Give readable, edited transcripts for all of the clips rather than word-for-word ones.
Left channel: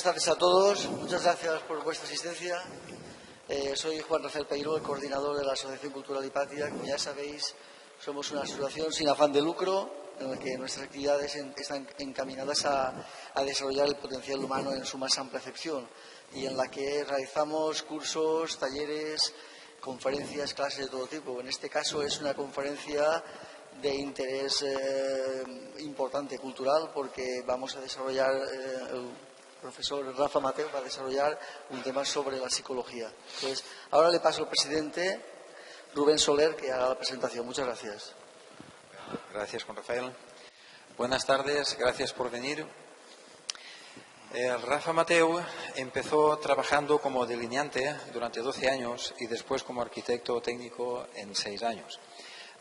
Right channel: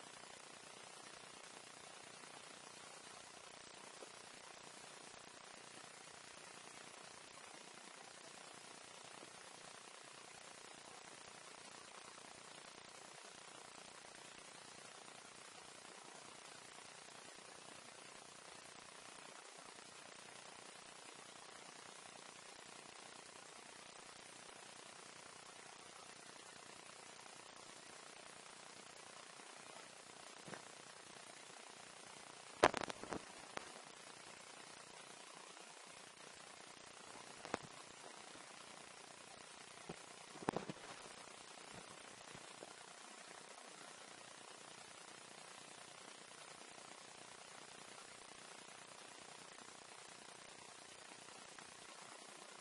Buenas tardes a todos. Muchas gracias por vuestra asistencia. Soy Juan Rafael Peiró, el coordinador de la Asociación Cultural Hipatia. Como ya sabéis, somos una asociación sin afán de lucro, en la que nuestras actividades están encaminadas a desarrollar el potencial humano en su más amplia acepción y en la que realizamos cursos, talleres, conferencias, clases de todo tipo. En este caso es una conferencia de interés importante cultural, porque vamos a desarrollar, el profesor Rafa Mateu va a desarrollar un tema sobre la psicología. Entonces, ahora le paso al presidente Rubén Soler, que haga la presentación. Muchas gracias. Gracias, Juan Rafael. Buenas tardes, gracias por venir. Rafa Mateu empezó trabajando como delineante durante 12 años y después como arquitecto técnico en 6 años.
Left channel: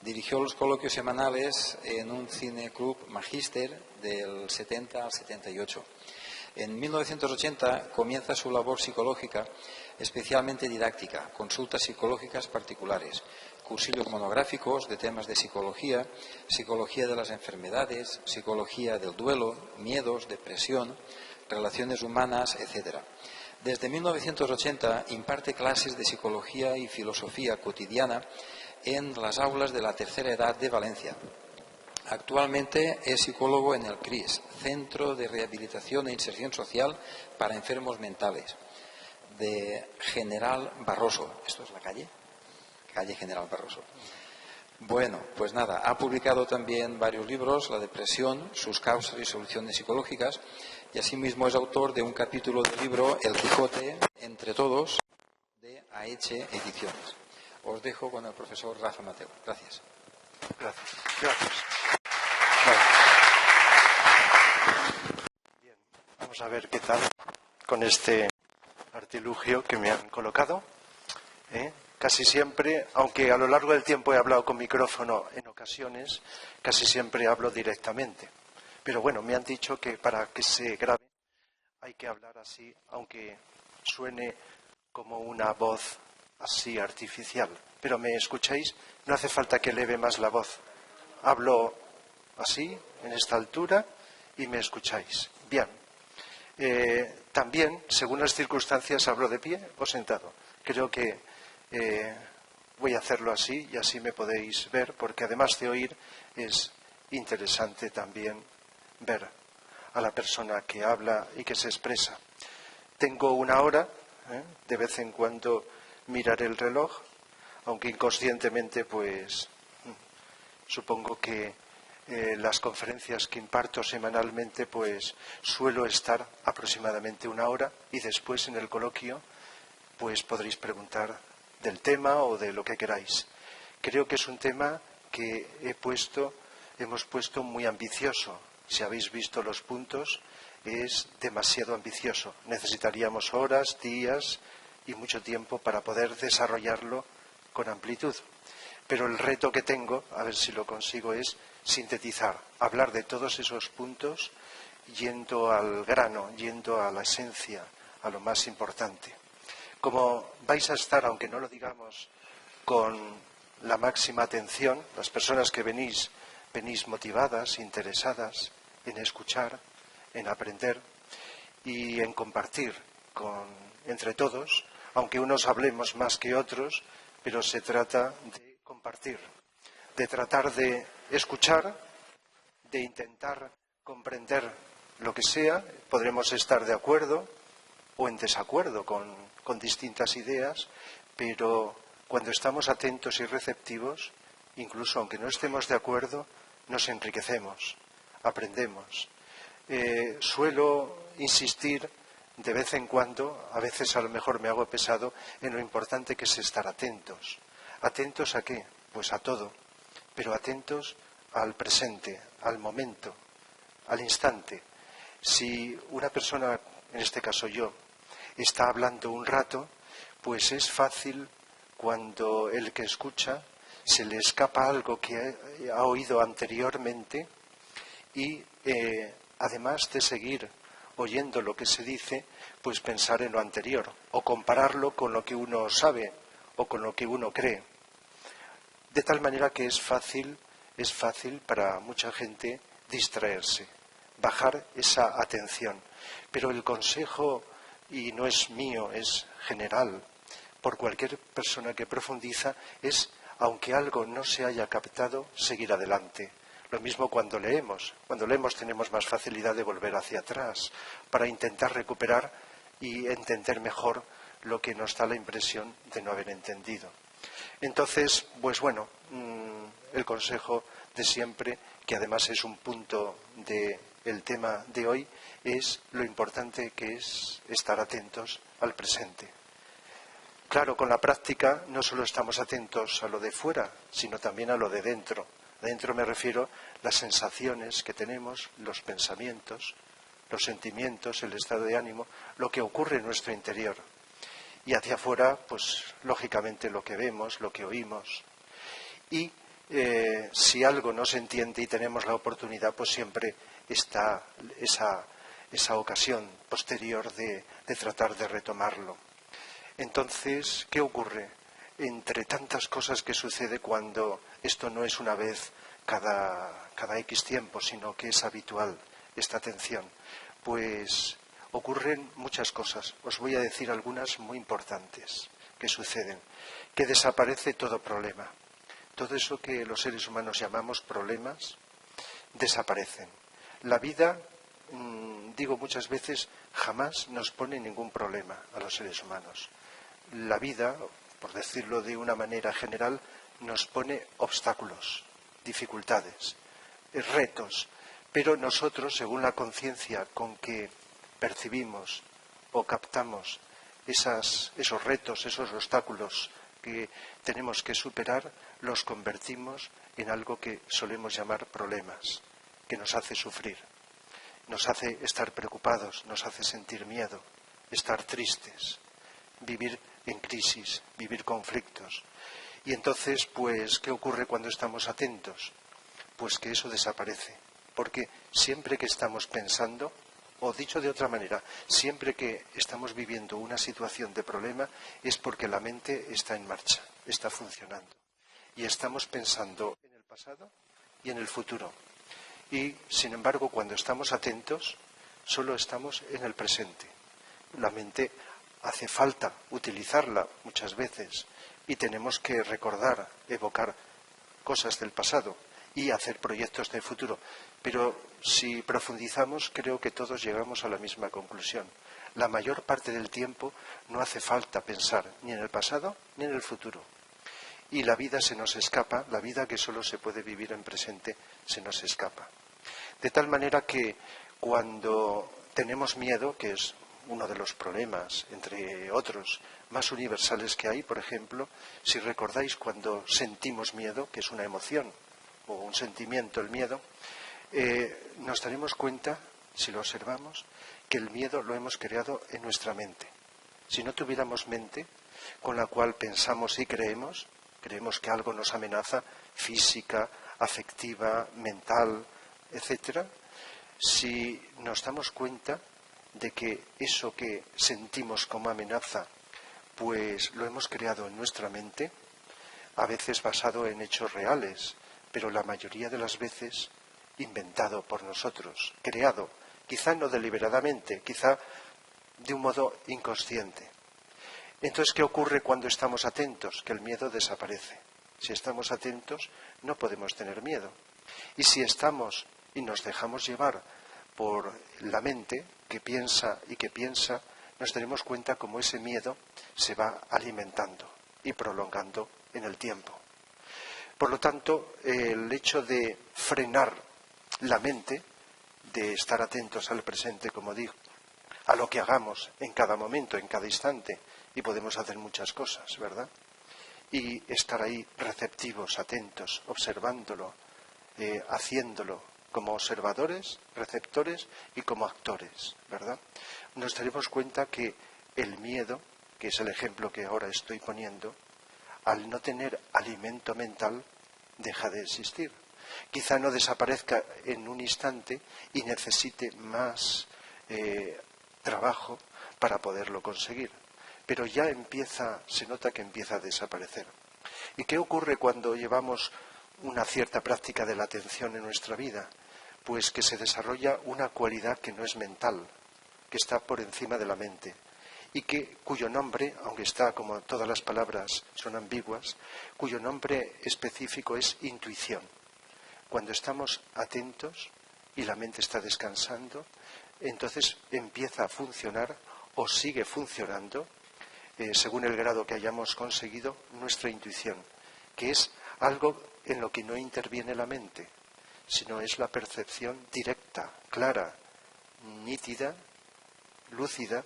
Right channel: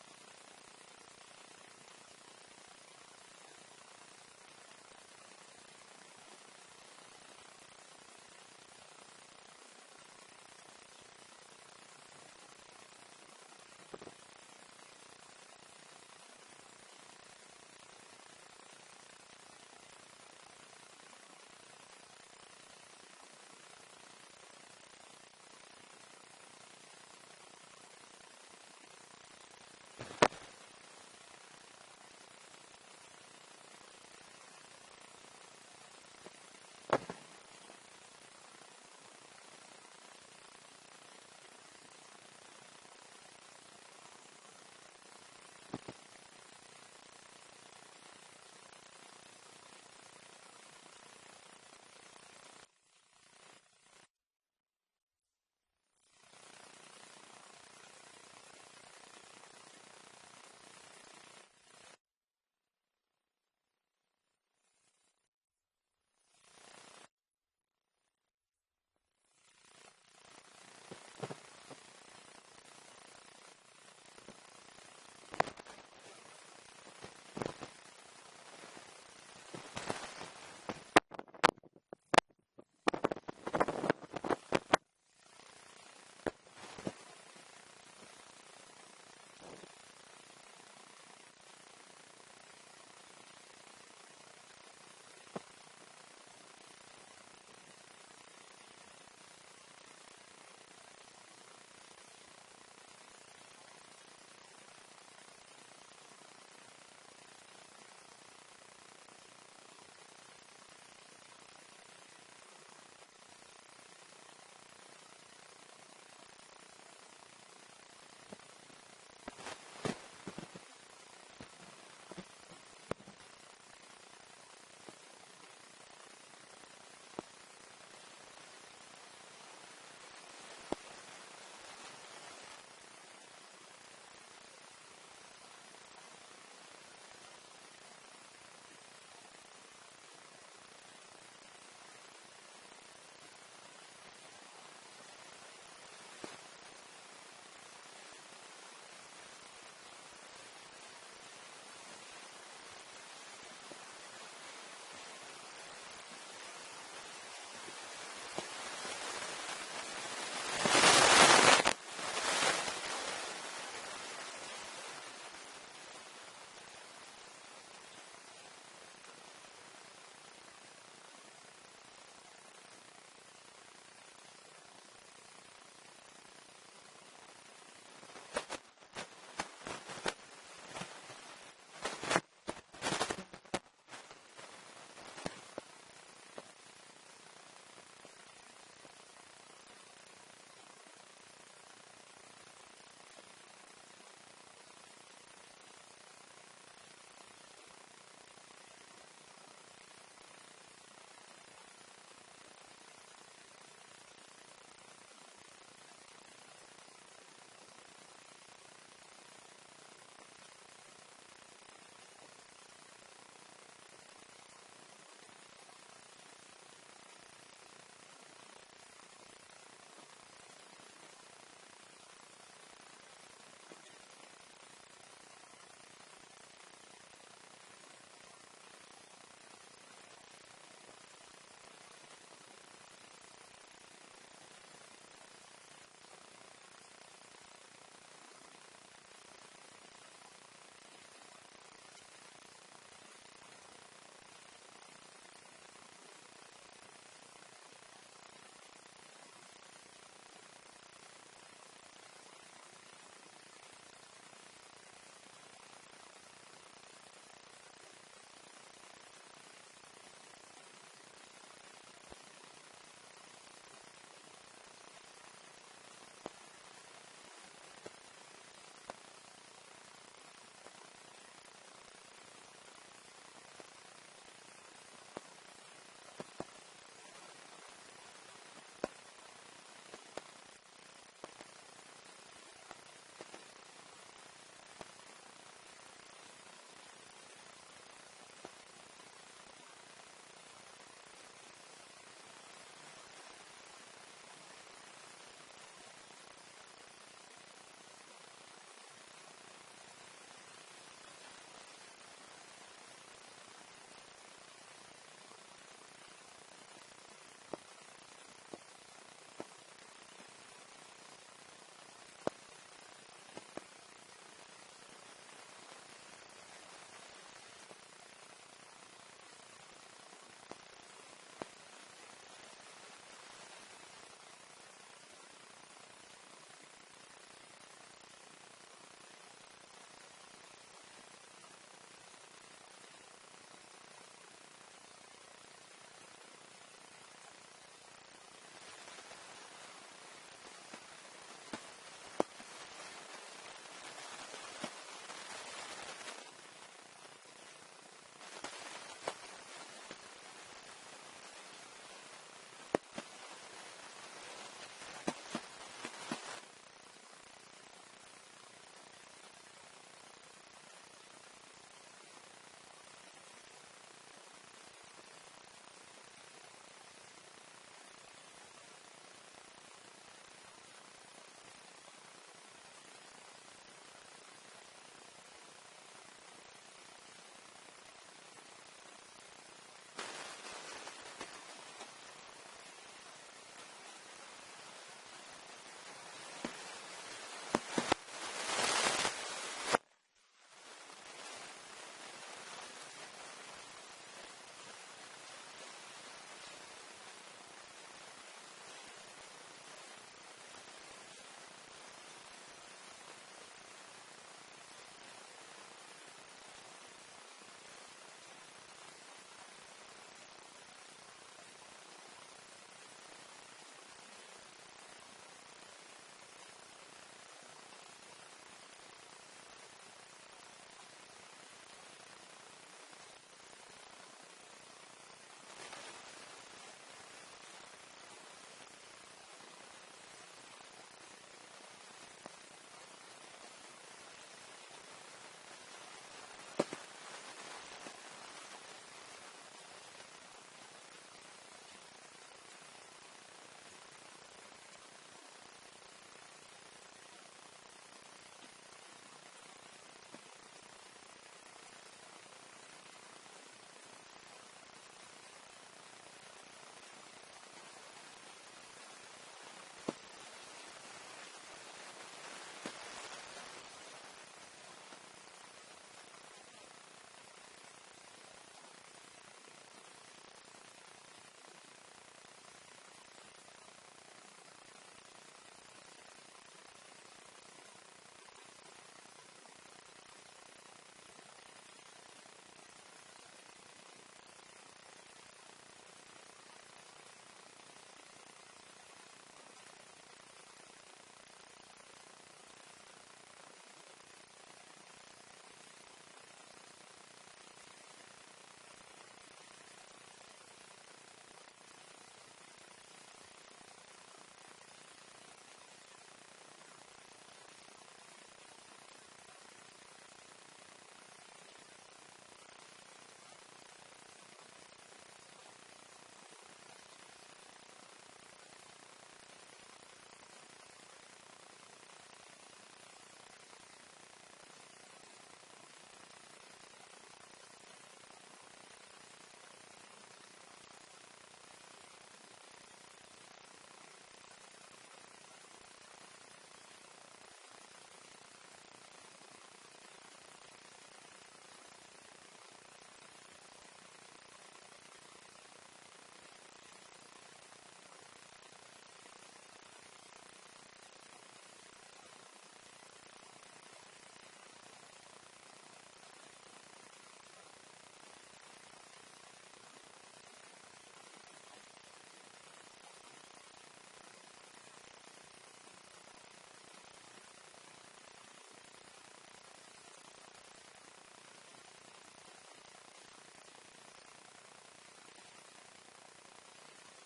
Dirigió los coloquios semanales en un cineclub Magíster del 70 al 78. En 1980 comienza su labor psicológica, especialmente didáctica, consultas psicológicas particulares, cursillos monográficos de temas de psicología, psicología de las enfermedades, psicología del duelo, miedos, depresión, relaciones humanas, etc. Desde 1980 imparte clases de psicología y filosofía cotidiana en las aulas de la tercera edad de Valencia. Actualmente es psicólogo en el CRIS, Centro de Rehabilitación e Inserción Social para Enfermos Mentales, de General Barroso. ¿Esto es la calle? Calle General Barroso. Bueno, pues nada, ha publicado también varios libros, La depresión, sus causas y soluciones psicológicas, y asimismo es autor de un capítulo del libro El Quijote, entre todos, de Aeche Ediciones. Os dejo con el profesor Rafa Mateu. Gracias. Gracias. Bien, vamos a ver qué tal con este artilugio que me han colocado. Casi siempre, aunque a lo largo del tiempo he hablado con micrófono en ocasiones, casi siempre hablo directamente. Pero bueno, me han dicho que para que se grabe hay que hablar así, aunque suene como una voz así artificial. Pero ¿me escucháis? No hace falta que eleve más la voz. Hablo así, en esta altura, y me escucháis. Bien. También, según las circunstancias, hablo de pie o sentado. Creo que voy a hacerlo así y así me podéis ver, porque además de oír es interesante también ver a la persona que habla y que se expresa. Tengo una hora, de vez en cuando miraré el reloj, aunque inconscientemente pues supongo que las conferencias que imparto semanalmente pues suelo estar aproximadamente una hora, y después en el coloquio pues podréis preguntar del tema o de lo que queráis. Creo que es un tema que hemos puesto muy ambicioso. Si habéis visto los puntos, es demasiado ambicioso. Necesitaríamos horas, días y mucho tiempo para poder desarrollarlo con amplitud. Pero el reto que tengo, a ver si lo consigo, es sintetizar, hablar de todos esos puntos yendo al grano, yendo a la esencia, a lo más importante. Como vais a estar, digamos, con la máxima atención, las personas que venís motivadas, interesadas en escuchar, en aprender y en compartir entre todos, aunque unos hablemos más que otros, pero se trata de compartir, de tratar de escuchar, de intentar comprender lo que sea. Podremos estar de acuerdo o en desacuerdo con distintas ideas, pero cuando estamos atentos y receptivos, incluso aunque no estemos de acuerdo, nos enriquecemos, aprendemos. Suelo insistir de vez en cuando, a veces a lo mejor me hago pesado, en lo importante que es estar atentos. ¿Atentos a qué? Pues a todo, pero atentos al presente, al momento, al instante. Si una persona, en este caso yo, está hablando un rato, pues es fácil cuando el que escucha se le escapa algo que ha oído anteriormente y además de seguir oyendo lo que se dice, pues pensar en lo anterior o compararlo con lo que uno sabe o con lo que uno cree. De tal manera que es fácil para mucha gente distraerse, bajar esa atención. Pero el consejo, y no es mío, es general, por cualquier persona que profundiza, es, aunque algo no se haya captado, seguir adelante. Lo mismo cuando leemos. Cuando leemos tenemos más facilidad de volver hacia atrás para intentar recuperar y entender mejor lo que nos da la impresión de no haber entendido. Entonces, pues bueno, el consejo de siempre, que además es un punto del tema de hoy, es lo importante que es estar atentos al presente. Claro, con la práctica no solo estamos atentos a lo de fuera, sino también a lo de dentro. Dentro me refiero a las sensaciones que tenemos, los pensamientos, los sentimientos, el estado de ánimo, lo que ocurre en nuestro interior. Y hacia afuera, pues lógicamente lo que vemos, lo que oímos. Y si algo no se entiende y tenemos la oportunidad, pues siempre está esa ocasión posterior de tratar de retomarlo. Entonces, ¿qué ocurre? Entre tantas cosas que sucede cuando esto no es una vez cada X tiempo, sino que es habitual esta atención, pues ocurren muchas cosas. Os voy a decir algunas muy importantes que suceden. Que desaparece todo problema. Todo eso que los seres humanos llamamos problemas, desaparecen. La vida, digo muchas veces, jamás nos pone ningún problema a los seres humanos. La vida, por decirlo de una manera general, nos pone obstáculos, dificultades, retos, pero nosotros, según la conciencia con que percibimos o captamos esos retos, esos obstáculos que tenemos que superar, los convertimos en algo que solemos llamar problemas, que nos hace sufrir, nos hace estar preocupados, nos hace sentir miedo, estar tristes, vivir en crisis, vivir conflictos. Y entonces, pues, ¿qué ocurre cuando estamos atentos? Pues que eso desaparece, porque siempre que estamos pensando, o dicho de otra manera, siempre que estamos viviendo una situación de problema, es porque la mente está en marcha, está funcionando. Y estamos pensando en el pasado y en el futuro. Y, sin embargo, cuando estamos atentos, solo estamos en el presente. La mente hace falta utilizarla muchas veces y tenemos que recordar, evocar cosas del pasado y hacer proyectos de futuro. Pero si profundizamos, creo que todos llegamos a la misma conclusión. La mayor parte del tiempo no hace falta pensar ni en el pasado ni en el futuro. Y la vida se nos escapa, la vida que solo se puede vivir en presente se nos escapa. De tal manera que cuando tenemos miedo, que es uno de los problemas, entre otros, más universales que hay, por ejemplo, si recordáis cuando sentimos miedo, que es una emoción o un sentimiento, el miedo, nos daremos cuenta, si lo observamos, que el miedo lo hemos creado en nuestra mente. Si no tuviéramos mente con la cual pensamos y creemos que algo nos amenaza, física, afectiva, mental, etcétera, si nos damos cuenta de que eso que sentimos como amenaza, pues lo hemos creado en nuestra mente, a veces basado en hechos reales, pero la mayoría de las veces inventado por nosotros, creado, quizá no deliberadamente, quizá de un modo inconsciente. Entonces, ¿qué ocurre cuando estamos atentos? Que el miedo desaparece. Si estamos atentos, no podemos tener miedo. Y si estamos y nos dejamos llevar por la mente que piensa, nos daremos cuenta cómo ese miedo se va alimentando y prolongando en el tiempo. Por lo tanto, el hecho de frenar la mente, de estar atentos al presente, como digo, a lo que hagamos en cada momento, en cada instante, y podemos hacer muchas cosas, ¿verdad? Y estar ahí receptivos, atentos, observándolo, haciéndolo como observadores, receptores y como actores, ¿verdad? Nos daremos cuenta que el miedo, que es el ejemplo que ahora estoy poniendo, al no tener alimento mental, deja de existir. Quizá no desaparezca en un instante y necesite más trabajo para poderlo conseguir. Pero ya se nota que empieza a desaparecer. ¿Y qué ocurre cuando llevamos una cierta práctica de la atención en nuestra vida? Pues que se desarrolla una cualidad que no es mental, que está por encima de la mente y cuyo nombre, aunque está como todas las palabras son ambiguas, cuyo nombre específico es intuición. Cuando estamos atentos y la mente está descansando, entonces empieza a funcionar o sigue funcionando, según el grado que hayamos conseguido, nuestra intuición, que es algo en lo que no interviene la mente, sino es la percepción directa, clara, nítida, lúcida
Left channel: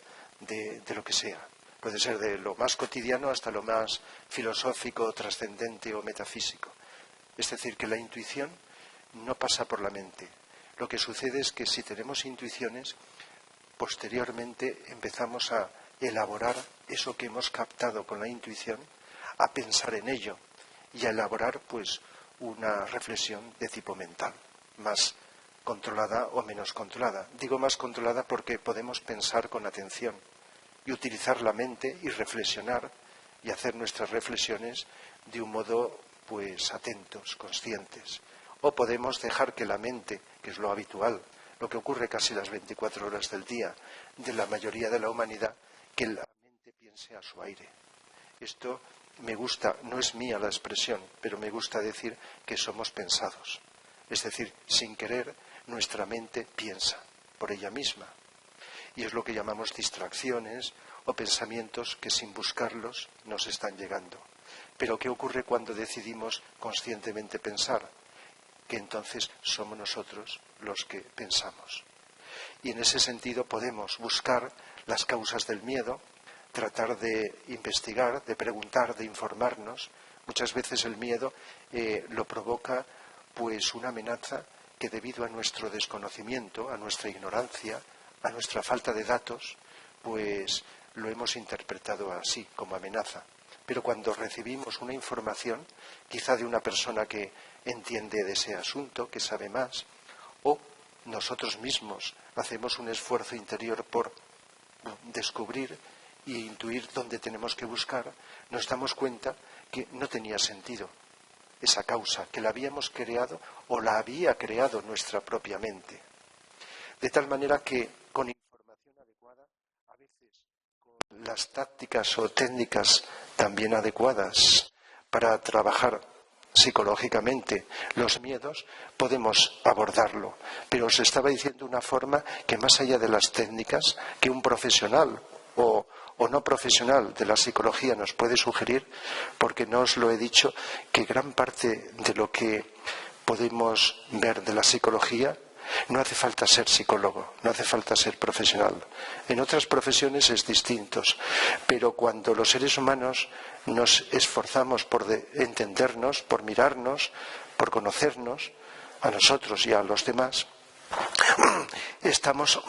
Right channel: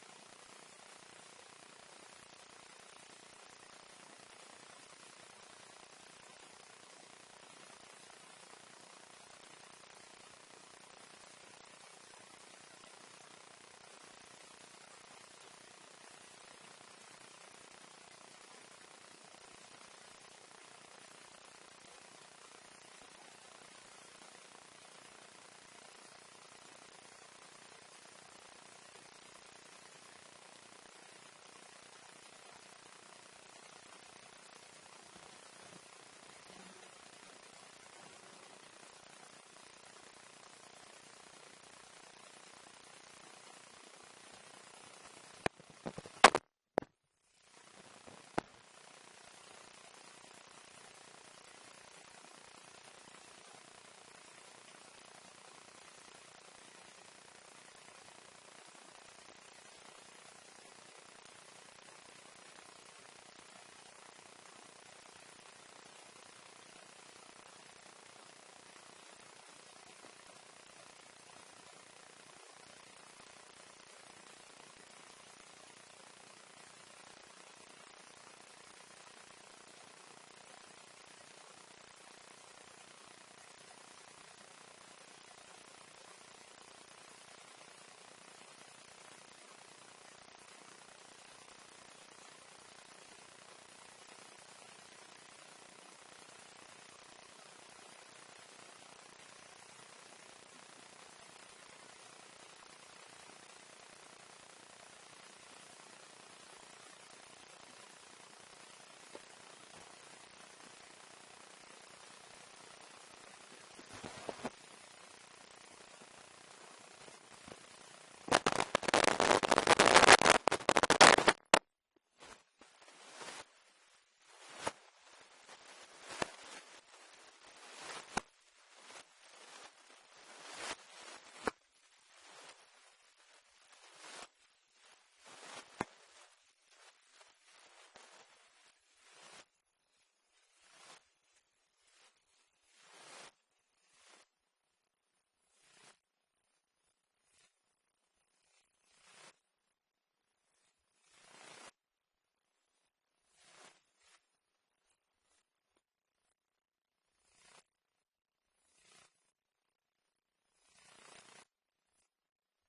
de lo que sea. Puede ser de lo más cotidiano hasta lo más filosófico, trascendente o metafísico. Es decir, que la intuición no pasa por la mente. Lo que sucede es que si tenemos intuiciones, posteriormente empezamos a elaborar eso que hemos captado con la intuición, a pensar en ello y a elaborar pues una reflexión de tipo mental, más controlada o menos controlada. Digo más controlada porque podemos pensar con atención y utilizar la mente y reflexionar y hacer nuestras reflexiones de un modo pues atentos, conscientes. O podemos dejar que la mente, que es lo habitual, lo que ocurre casi las 24 horas del día de la mayoría de la humanidad, que la mente piense a su aire. Esto me gusta, no es mía la expresión, pero me gusta decir que somos pensados. Es decir, sin querer, nuestra mente piensa por ella misma. Y es lo que llamamos distracciones o pensamientos que sin buscarlos nos están llegando. Pero ¿qué ocurre cuando decidimos conscientemente pensar? Que entonces somos nosotros los que pensamos. Y en ese sentido podemos buscar las causas del miedo, tratar de investigar, de preguntar, de informarnos. Muchas veces el miedo lo provoca pues una amenaza que debido a nuestro desconocimiento, a nuestra ignorancia, a nuestra falta de datos, pues lo hemos interpretado así, como amenaza. Pero cuando recibimos una información, quizá de una persona que entiende de ese asunto, que sabe más, o nosotros mismos hacemos un esfuerzo interior por descubrir e intuir dónde tenemos que buscar, nos damos cuenta que no tenía sentido esa causa, que la habíamos creado o la había creado nuestra propia mente. De tal manera que con las tácticas o técnicas también adecuadas para trabajar psicológicamente los miedos, podemos abordarlo. Pero os estaba diciendo una forma que más allá de las técnicas que un profesional o no profesional de la psicología nos puede sugerir, porque no os lo he dicho, que gran parte de lo que podemos ver de la psicología no hace falta ser psicólogo, no hace falta ser profesional. En otras profesiones es distinto, pero cuando los seres humanos nos esforzamos por entendernos, por mirarnos, por conocernos a nosotros y a los demás, estamos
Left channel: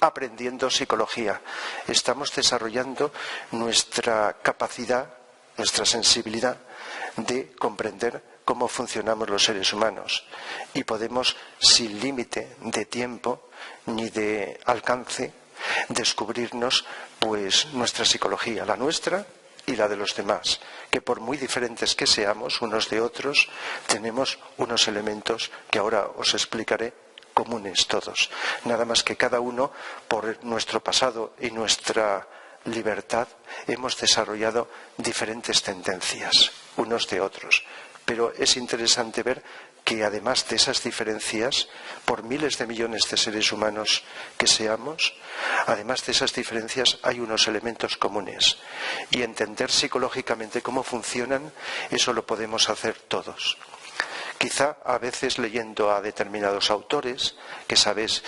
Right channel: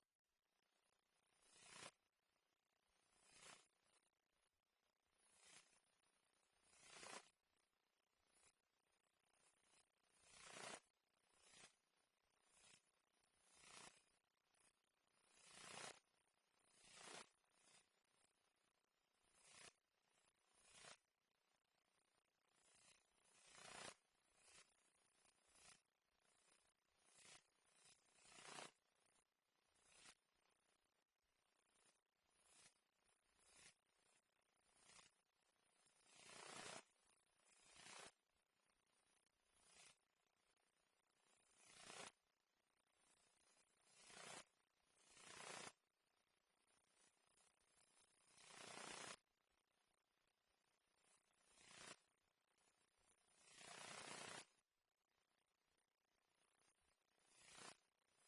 aprendiendo psicología, estamos desarrollando nuestra capacidad, nuestra sensibilidad de comprender cómo funcionamos los seres humanos y podemos, sin límite de tiempo ni de alcance, descubrirnos pues nuestra psicología, la nuestra y la de los demás, que por muy diferentes que seamos unos de otros, tenemos unos elementos que ahora os explicaré, comunes todos, nada más que cada uno por nuestro pasado y nuestra libertad hemos desarrollado diferentes tendencias unos de otros, pero es interesante ver que además de esas diferencias, por miles de millones de seres humanos que seamos, además de esas diferencias hay unos elementos comunes y entender psicológicamente cómo funcionan, eso lo podemos hacer todos. Quizá a veces leyendo a determinados autores, que sabéis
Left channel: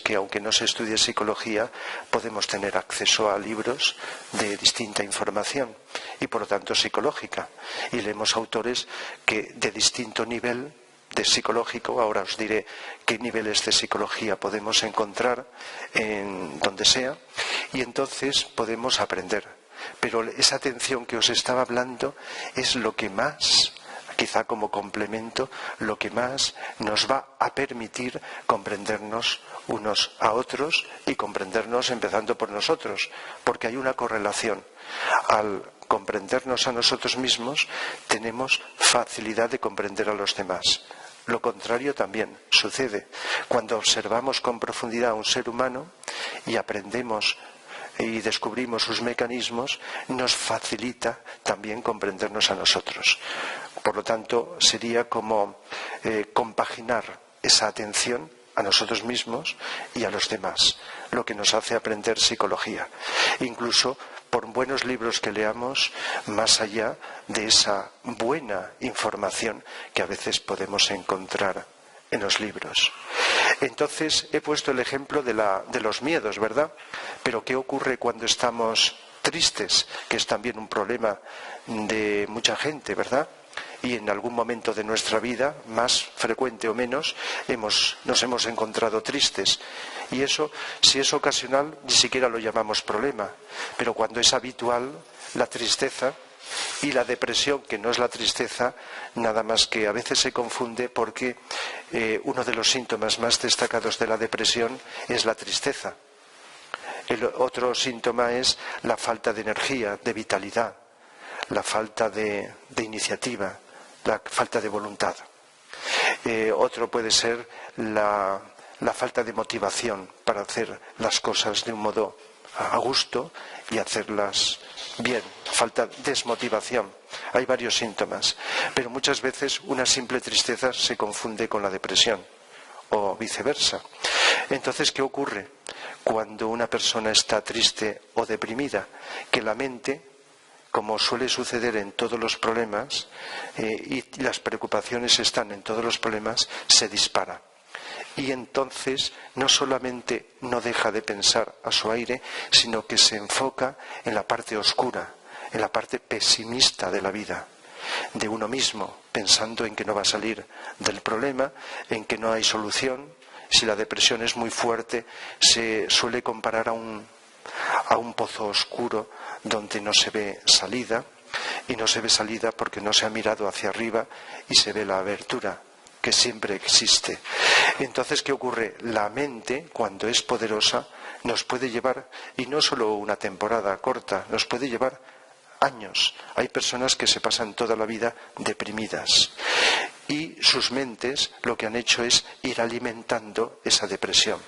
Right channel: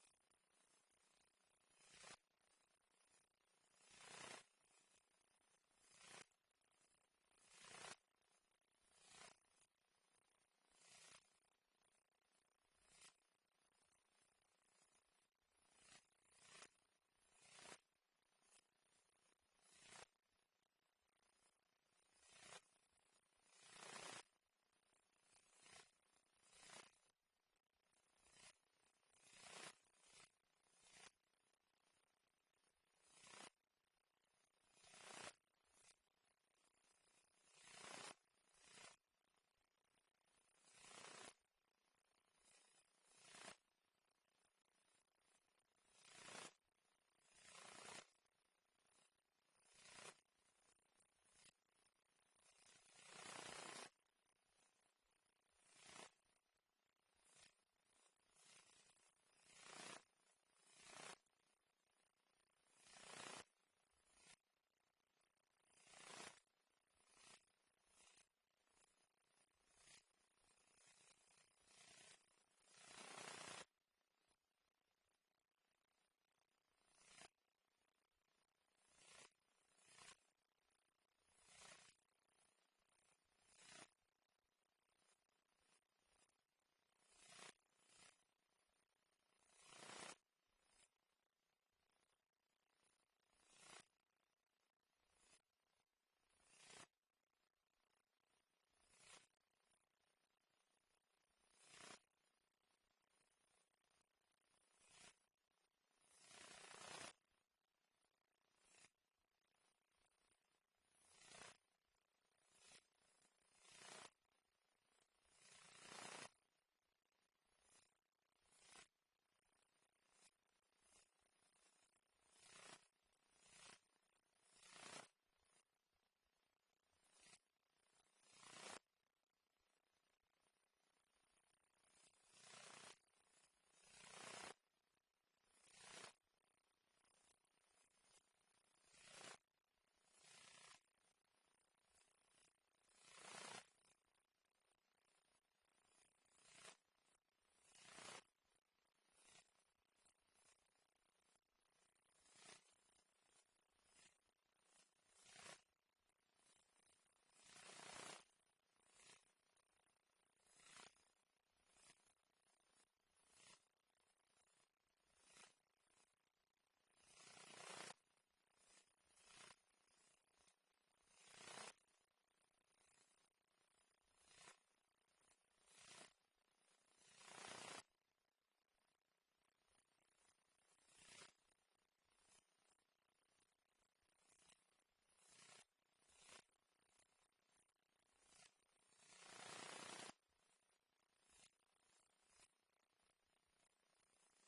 que aunque no se estudie psicología, podemos tener acceso a libros de distinta información y por lo tanto psicológica. Y leemos autores que de distinto nivel de psicológico, ahora os diré qué niveles de psicología podemos encontrar en donde sea, y entonces podemos aprender. Pero esa atención que os estaba hablando es lo que más, quizá como complemento, lo que más nos va a permitir comprendernos unos a otros y comprendernos empezando por nosotros, porque hay una correlación. Al comprendernos a nosotros mismos tenemos facilidad de comprender a los demás. Lo contrario también sucede. Cuando observamos con profundidad a un ser humano, y aprendemos y descubrimos sus mecanismos, nos facilita también comprendernos a nosotros. Por lo tanto, sería como compaginar esa atención a nosotros mismos y a los demás, lo que nos hace aprender psicología. Incluso por buenos libros que leamos, más allá de esa buena información que a veces podemos encontrar en los libros. Entonces, he puesto el ejemplo de los miedos, ¿verdad? Pero ¿qué ocurre cuando estamos tristes? Que es también un problema de mucha gente, ¿verdad? Y en algún momento de nuestra vida, más frecuente o menos, nos hemos encontrado tristes. Y eso, si es ocasional, ni siquiera lo llamamos problema. Pero cuando es habitual, la tristeza y la depresión, que no es la tristeza, nada más que a veces se confunde porque uno de los síntomas más destacados de la depresión es la tristeza. El otro síntoma es la falta de energía, de vitalidad, la falta de iniciativa, la falta de voluntad. Otro puede ser la falta de motivación para hacer las cosas de un modo a gusto y hacerlas bien, falta de desmotivación. Hay varios síntomas, pero muchas veces una simple tristeza se confunde con la depresión o viceversa. Entonces, ¿qué ocurre cuando una persona está triste o deprimida? Que la mente, como suele suceder en todos los problemas, y las preocupaciones están en todos los problemas, se dispara. Y entonces no solamente no deja de pensar a su aire, sino que se enfoca en la parte oscura, en la parte pesimista de la vida, de uno mismo, pensando en que no va a salir del problema, en que no hay solución. Si la depresión es muy fuerte, se suele comparar a un pozo oscuro donde no se ve salida, y no se ve salida porque no se ha mirado hacia arriba y se ve la abertura que siempre existe. Entonces, ¿qué ocurre? La mente, cuando es poderosa, nos puede llevar, y no solo una temporada corta, nos puede llevar años. Hay personas que se pasan toda la vida deprimidas y sus mentes lo que han hecho es ir alimentando esa depresión.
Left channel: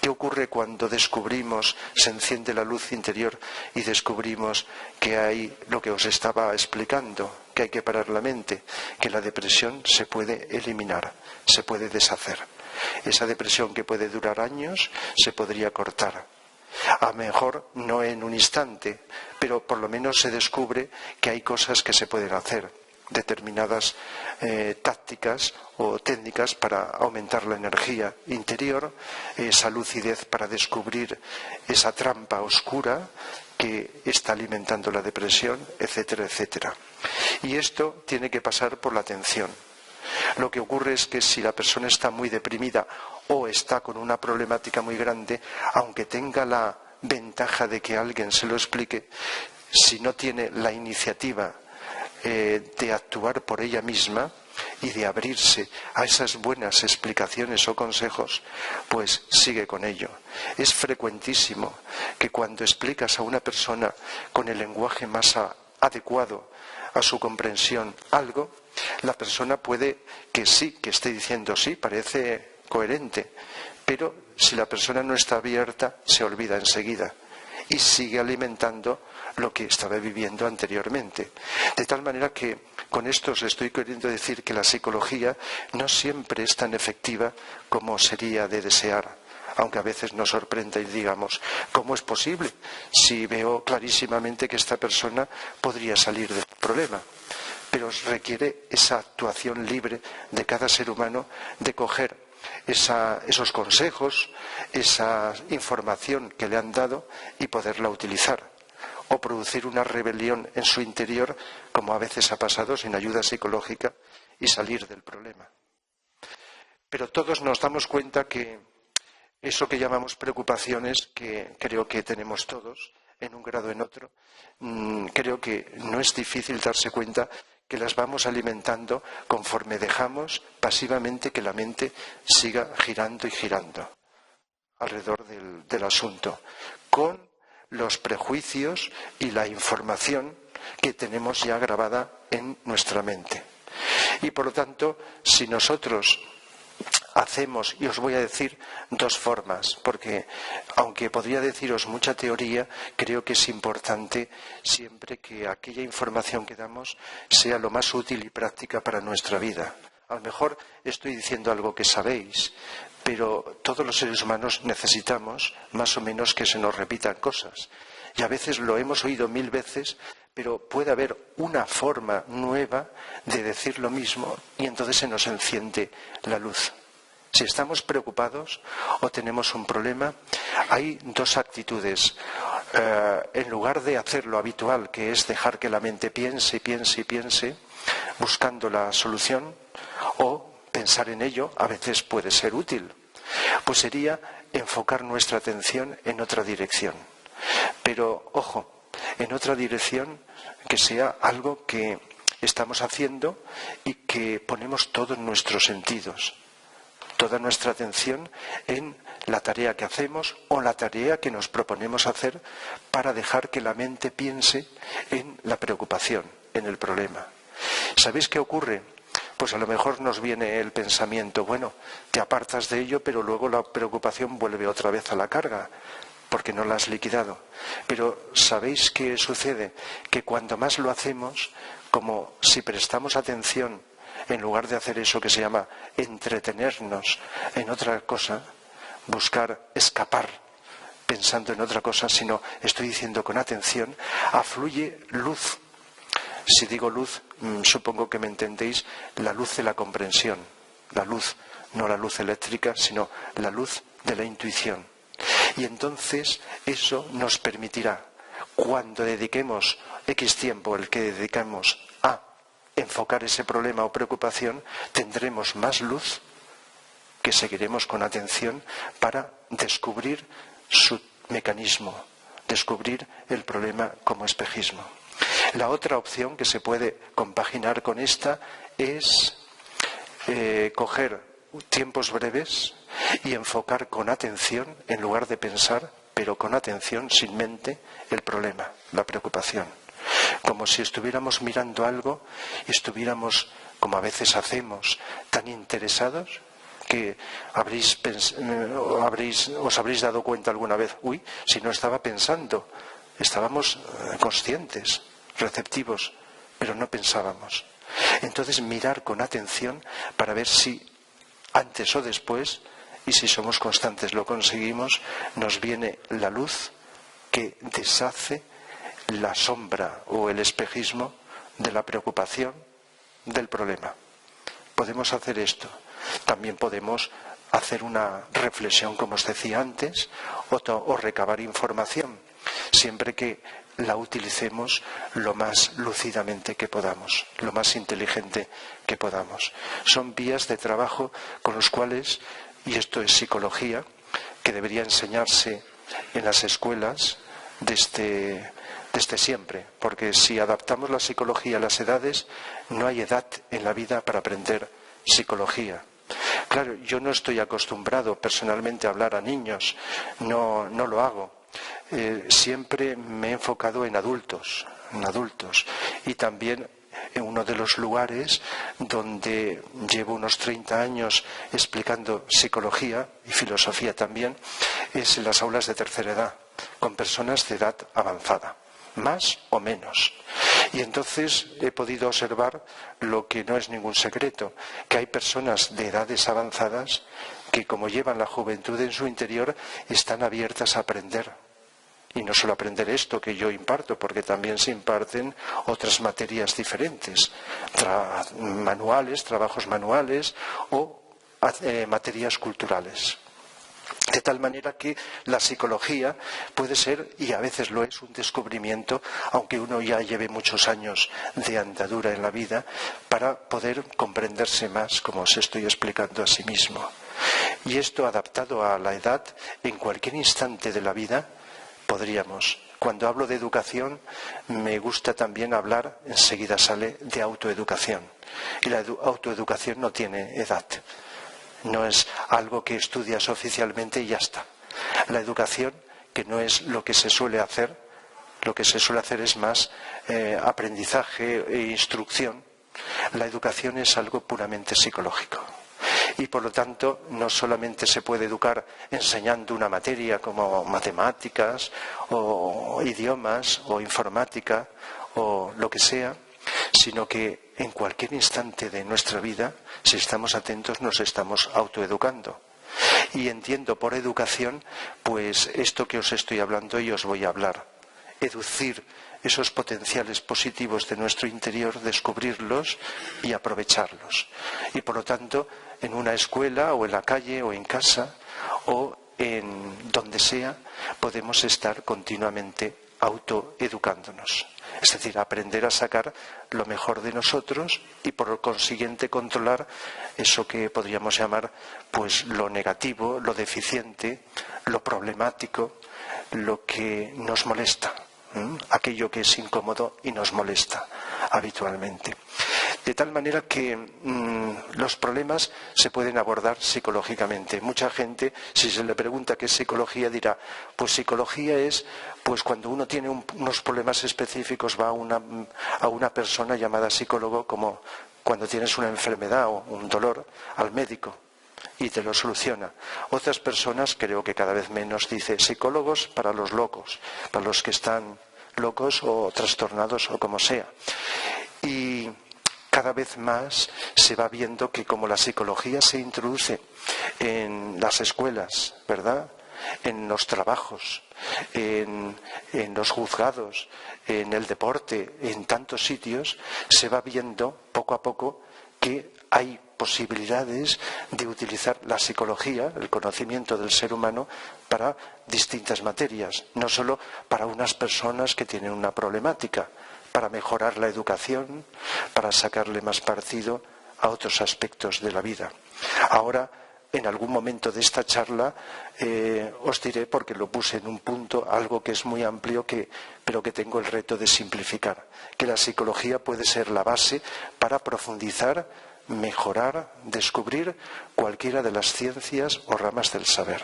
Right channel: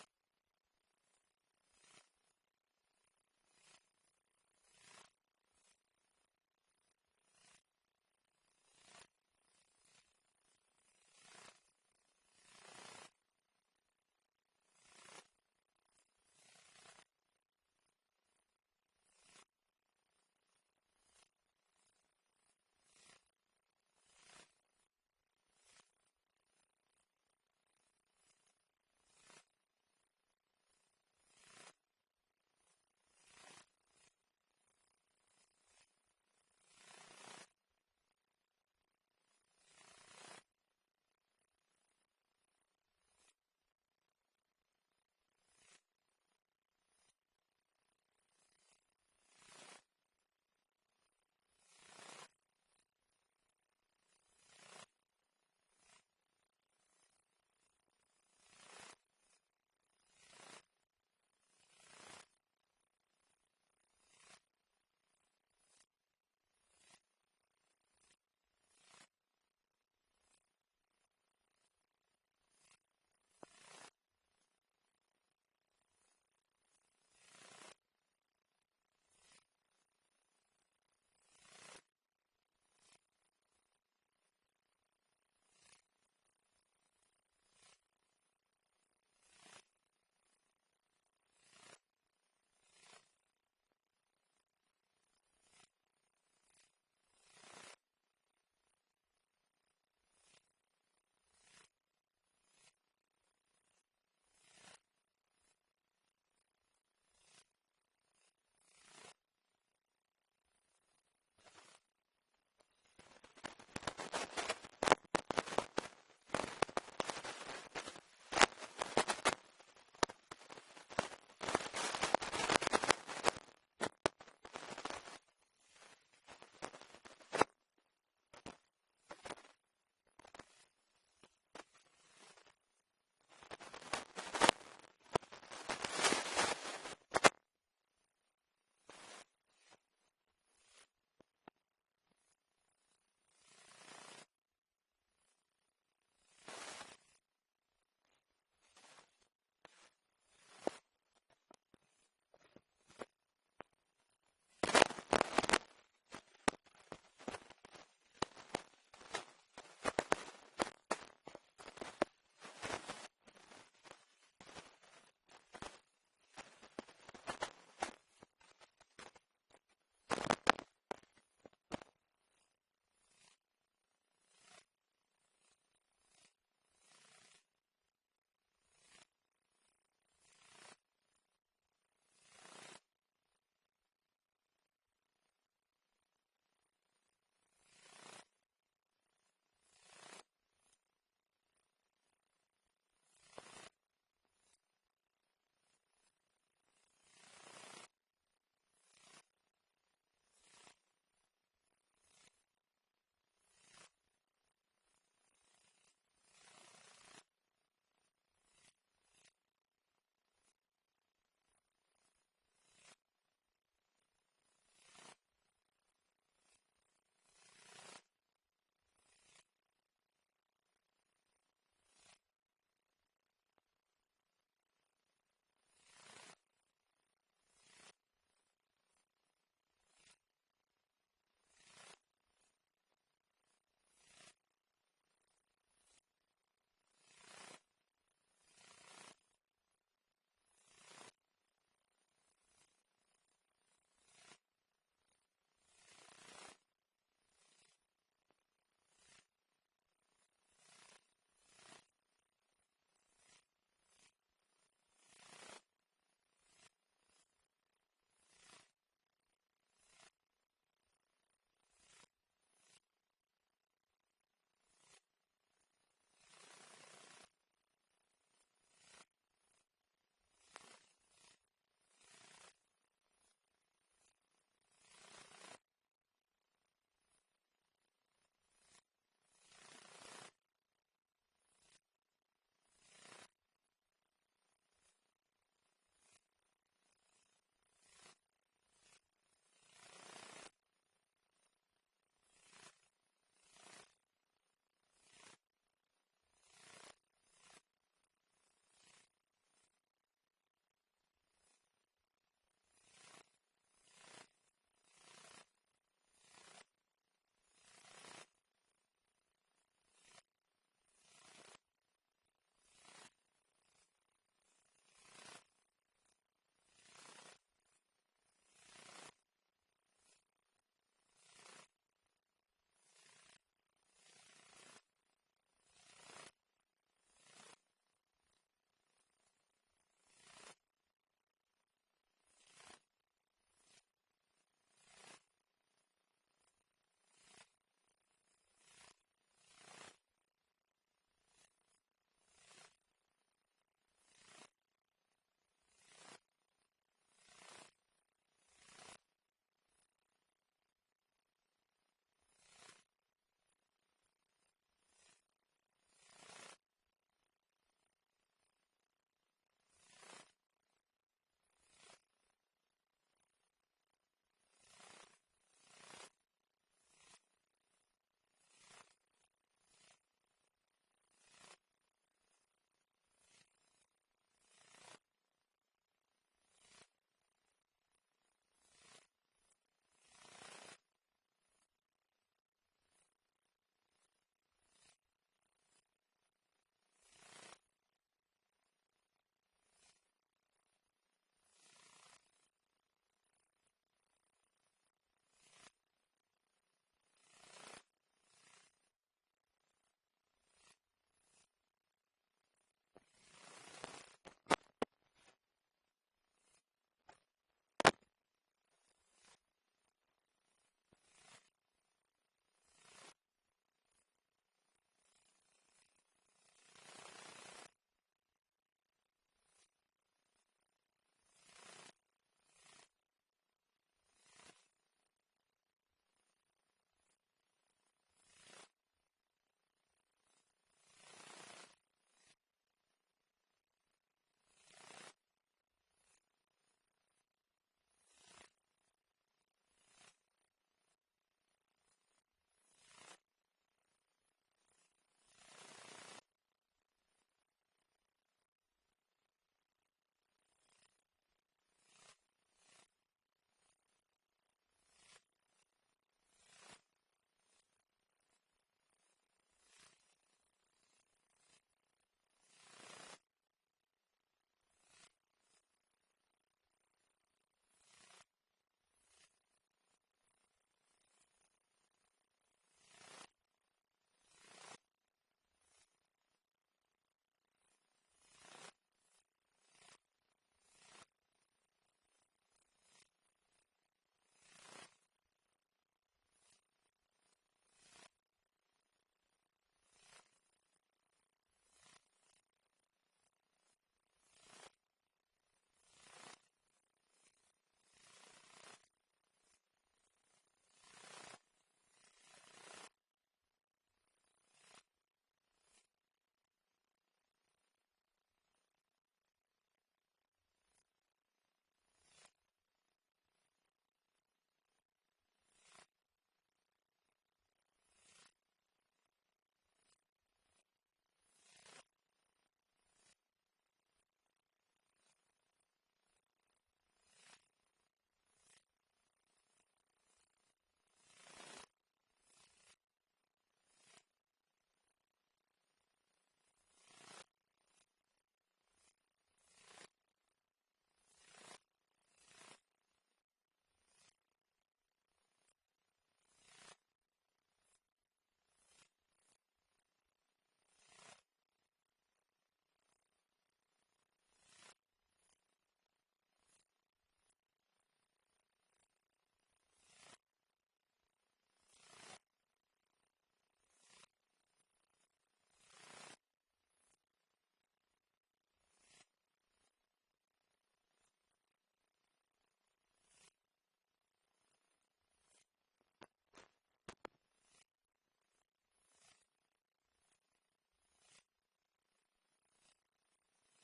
¿Qué ocurre cuando descubrimos, se enciende la luz interior y descubrimos que hay lo que os estaba explicando, que hay que parar la mente, que la depresión se puede eliminar, se puede deshacer? Esa depresión que puede durar años se podría cortar. A lo mejor no en un instante, pero por lo menos se descubre que hay cosas que se pueden hacer, determinadas tácticas o técnicas para aumentar la energía interior, esa lucidez para descubrir esa trampa oscura que está alimentando la depresión, etcétera, etcétera. Y esto tiene que pasar por la atención. Lo que ocurre es que si la persona está muy deprimida o está con una problemática muy grande, aunque tenga la ventaja de que alguien se lo explique, si no tiene la iniciativa de actuar por ella misma y de abrirse a esas buenas explicaciones o consejos, pues sigue con ello. Es frecuentísimo que cuando explicas a una persona con el lenguaje más adecuado a su comprensión algo, la persona puede que sí, que esté diciendo sí, parece coherente, pero si la persona no está abierta, se olvida enseguida y sigue alimentando lo que estaba viviendo anteriormente. De tal manera que con esto os estoy queriendo decir que la psicología no siempre es tan efectiva como sería de desear, aunque a veces nos sorprenda y digamos, ¿cómo es posible si veo clarísimamente que esta persona podría salir del problema? Pero requiere esa actuación libre de cada ser humano de coger esos consejos, esa información que le han dado y poderla utilizar, o producir una rebelión en su interior, como a veces ha pasado, sin ayuda psicológica, y salir del problema. Pero todos nos damos cuenta que eso que llamamos preocupaciones, que creo que tenemos todos, en un grado o en otro, creo que no es difícil darse cuenta que las vamos alimentando conforme dejamos pasivamente que la mente siga girando y girando alrededor del asunto, con los prejuicios y la información que tenemos ya grabada en nuestra mente. Y por lo tanto, si nosotros hacemos, y os voy a decir dos formas, porque aunque podría deciros mucha teoría, creo que es importante siempre que aquella información que damos sea lo más útil y práctica para nuestra vida. A lo mejor estoy diciendo algo que sabéis, pero todos los seres humanos necesitamos más o menos que se nos repitan cosas. Y a veces lo hemos oído 1000 veces, pero puede haber una forma nueva de decir lo mismo y entonces se nos enciende la luz. Si estamos preocupados o tenemos un problema, hay dos actitudes. En lugar de hacer lo habitual, que es dejar que la mente piense, piense y piense, buscando la solución, o pensar en ello, a veces puede ser útil, pues sería enfocar nuestra atención en otra dirección. Pero, ojo, en otra dirección que sea algo que estamos haciendo y que ponemos todos nuestros sentidos, toda nuestra atención en la tarea que hacemos o la tarea que nos proponemos hacer para dejar que la mente piense en la preocupación, en el problema. ¿Sabéis qué ocurre? Pues a lo mejor nos viene el pensamiento, bueno, te apartas de ello, pero luego la preocupación vuelve otra vez a la carga, porque no la has liquidado. Pero ¿sabéis qué sucede? Que cuando más lo hacemos, como si prestamos atención, en lugar de hacer eso que se llama entretenernos en otra cosa, buscar escapar pensando en otra cosa, sino estoy diciendo con atención, afluye luz. Si digo luz, supongo que me entendéis, la luz de la comprensión, la luz, no la luz eléctrica, sino la luz de la intuición. Y entonces eso nos permitirá, cuando dediquemos X tiempo, el que dedicamos a enfocar ese problema o preocupación, tendremos más luz que seguiremos con atención para descubrir su mecanismo, descubrir el problema como espejismo. La otra opción que se puede compaginar con esta es coger tiempos breves y enfocar con atención, en lugar de pensar, pero con atención, sin mente, el problema, la preocupación. Como si estuviéramos mirando algo y estuviéramos, como a veces hacemos, tan interesados que os habréis dado cuenta alguna vez, uy, si no estaba pensando, estábamos conscientes, receptivos, pero no pensábamos. Entonces mirar con atención para ver si antes o después, y si somos constantes lo conseguimos, nos viene la luz que deshace la sombra o el espejismo de la preocupación, del problema. Podemos hacer esto. También podemos hacer una reflexión, como os decía antes, o recabar información, siempre que la utilicemos lo más lúcidamente que podamos, lo más inteligente que podamos. Son vías de trabajo con los cuales, y esto es psicología, que debería enseñarse en las escuelas desde siempre, porque si adaptamos la psicología a las edades, no hay edad en la vida para aprender psicología. Claro, yo no estoy acostumbrado personalmente a hablar a niños, no lo hago. Siempre me he enfocado en adultos, y también en uno de los lugares donde llevo unos 30 años explicando psicología y filosofía también, es en las aulas de tercera edad, con personas de edad avanzada, más o menos. Y entonces he podido observar lo que no es ningún secreto, que hay personas de edades avanzadas que, como llevan la juventud en su interior, están abiertas a aprender. Y no solo aprender esto que yo imparto, porque también se imparten otras materias diferentes, trabajos manuales o materias culturales. De tal manera que la psicología puede ser, y a veces lo es, un descubrimiento, aunque uno ya lleve muchos años de andadura en la vida, para poder comprenderse más, como os estoy explicando a sí mismo. Y esto, adaptado a la edad, en cualquier instante de la vida, podríamos. Cuando hablo de educación, me gusta también hablar, enseguida sale, de autoeducación. Y la autoeducación no tiene edad. No es algo que estudias oficialmente y ya está. La educación, que no es lo que se suele hacer, lo que se suele hacer es más aprendizaje e instrucción. La educación es algo puramente psicológico. Y por lo tanto no solamente se puede educar enseñando una materia como matemáticas o idiomas o informática o lo que sea, sino que en cualquier instante de nuestra vida, si estamos atentos, nos estamos autoeducando. Y entiendo por educación, pues esto que os estoy hablando y os voy a hablar. Educir esos potenciales positivos de nuestro interior, descubrirlos y aprovecharlos. Y por lo tanto, en una escuela o en la calle o en casa o en donde sea, podemos estar continuamente autoeducándonos. Es decir, aprender a sacar lo mejor de nosotros y por consiguiente controlar eso que podríamos llamar pues lo negativo, lo deficiente, lo problemático, lo que nos molesta, aquello que es incómodo y nos molesta habitualmente. De tal manera que los problemas se pueden abordar psicológicamente. Mucha gente, si se le pregunta qué es psicología, dirá, pues psicología es pues cuando uno tiene unos problemas específicos va a una persona llamada psicólogo, como cuando tienes una enfermedad o un dolor, al médico y te lo soluciona. Otras personas, creo que cada vez menos, dice psicólogos para los locos, para los que están locos o trastornados o como sea. Y cada vez más se va viendo que como la psicología se introduce en las escuelas, ¿verdad?, en los trabajos, en los juzgados, en el deporte, en tantos sitios, se va viendo poco a poco que hay posibilidades de utilizar la psicología, el conocimiento del ser humano, para distintas materias, no solo para unas personas que tienen una problemática, para mejorar la educación, para sacarle más partido a otros aspectos de la vida. Ahora, en algún momento de esta charla, os diré, porque lo puse en un punto, algo que es muy amplio, pero que tengo el reto de simplificar, que la psicología puede ser la base para profundizar, mejorar, descubrir cualquiera de las ciencias o ramas del saber.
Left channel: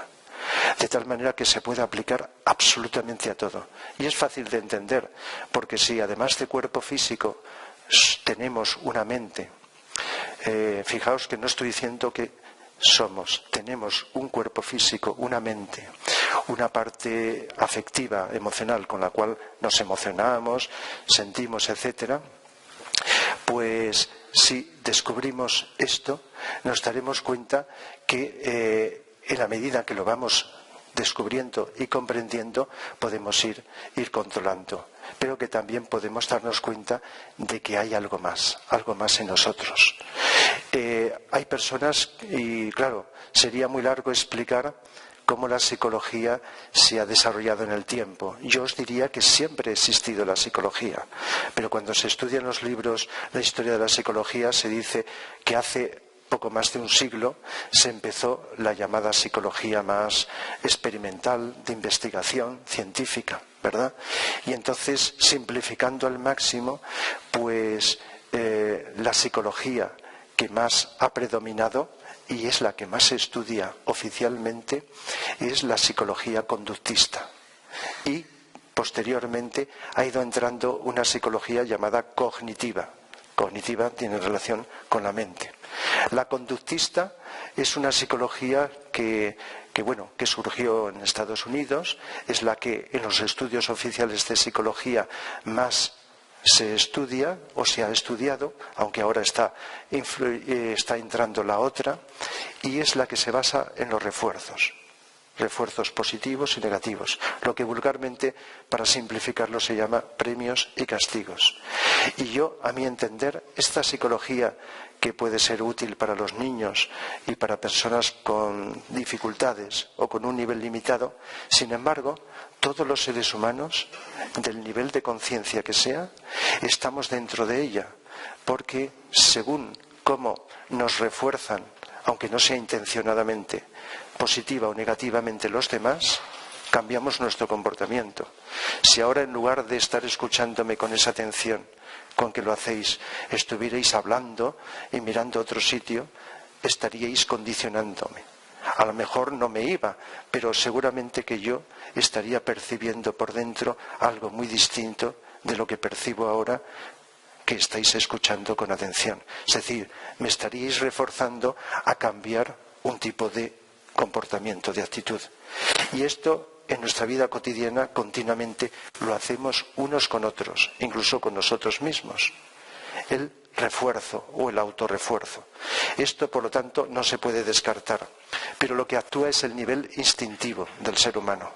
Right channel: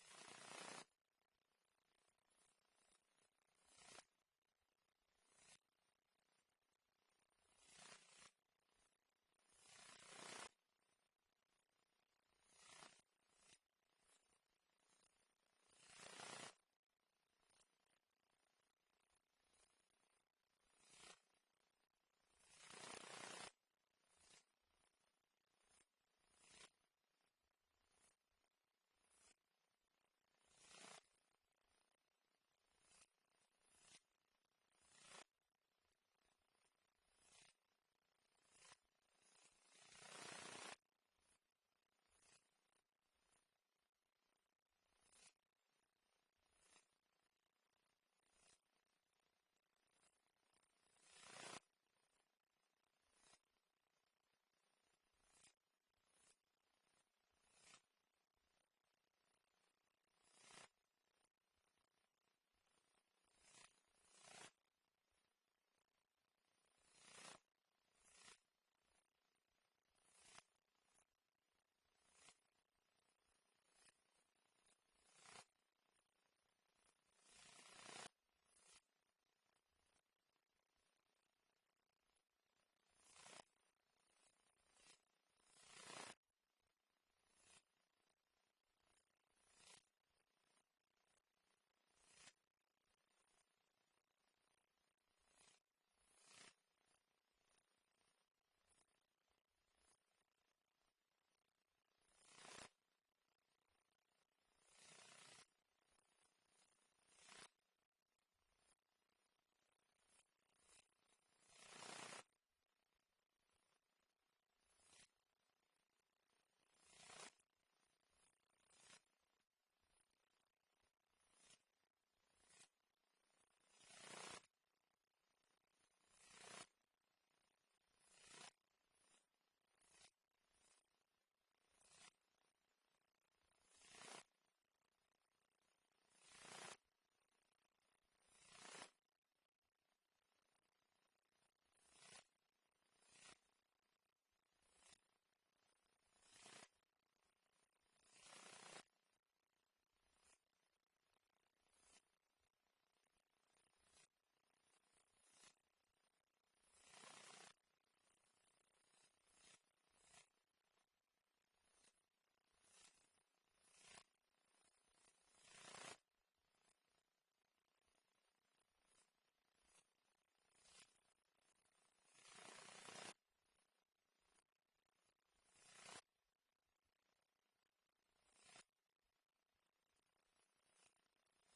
De tal manera que se puede aplicar absolutamente a todo. Y es fácil de entender, porque si además de cuerpo físico tenemos una mente, fijaos que no estoy diciendo que tenemos un cuerpo físico, una mente, una parte afectiva, emocional, con la cual nos emocionamos, sentimos, etcétera, pues si descubrimos esto, nos daremos cuenta que en la medida que lo vamos descubriendo y comprendiendo, podemos ir controlando, pero que también podemos darnos cuenta de que hay algo más en nosotros. Hay personas, y claro, sería muy largo explicar cómo la psicología se ha desarrollado en el tiempo. Yo os diría que siempre ha existido la psicología, pero cuando se estudian los libros, la historia de la psicología, se dice que hace poco más de un siglo se empezó la llamada psicología más experimental, de investigación científica, ¿verdad? Y entonces, simplificando al máximo, pues la psicología que más ha predominado y es la que más se estudia oficialmente es la psicología conductista. Y posteriormente ha ido entrando una psicología llamada cognitiva. Cognitiva tiene relación con la mente. La conductista es una psicología que surgió en Estados Unidos, es la que en los estudios oficiales de psicología más se estudia o se ha estudiado, aunque ahora está entrando la otra, y es la que se basa en los refuerzos positivos y negativos, lo que vulgarmente, para simplificarlo, se llama premios y castigos. Y yo, a mi entender, esta psicología que puede ser útil para los niños y para personas con dificultades o con un nivel limitado, sin embargo, todos los seres humanos, del nivel de conciencia que sea, estamos dentro de ella, porque según cómo nos refuerzan, aunque no sea intencionadamente, positiva o negativamente los demás, cambiamos nuestro comportamiento. Si ahora, en lugar de estar escuchándome con esa atención con que lo hacéis, estuvierais hablando y mirando a otro sitio, estaríais condicionándome. A lo mejor no me iba, pero seguramente que yo estaría percibiendo por dentro algo muy distinto de lo que percibo ahora, que estáis escuchando con atención. Es decir, me estaríais reforzando a cambiar un tipo de comportamiento, de actitud. Y esto en nuestra vida cotidiana continuamente lo hacemos unos con otros, incluso con nosotros mismos. El refuerzo o el autorrefuerzo. Esto, por lo tanto, no se puede descartar. Pero lo que actúa es el nivel instintivo del ser humano.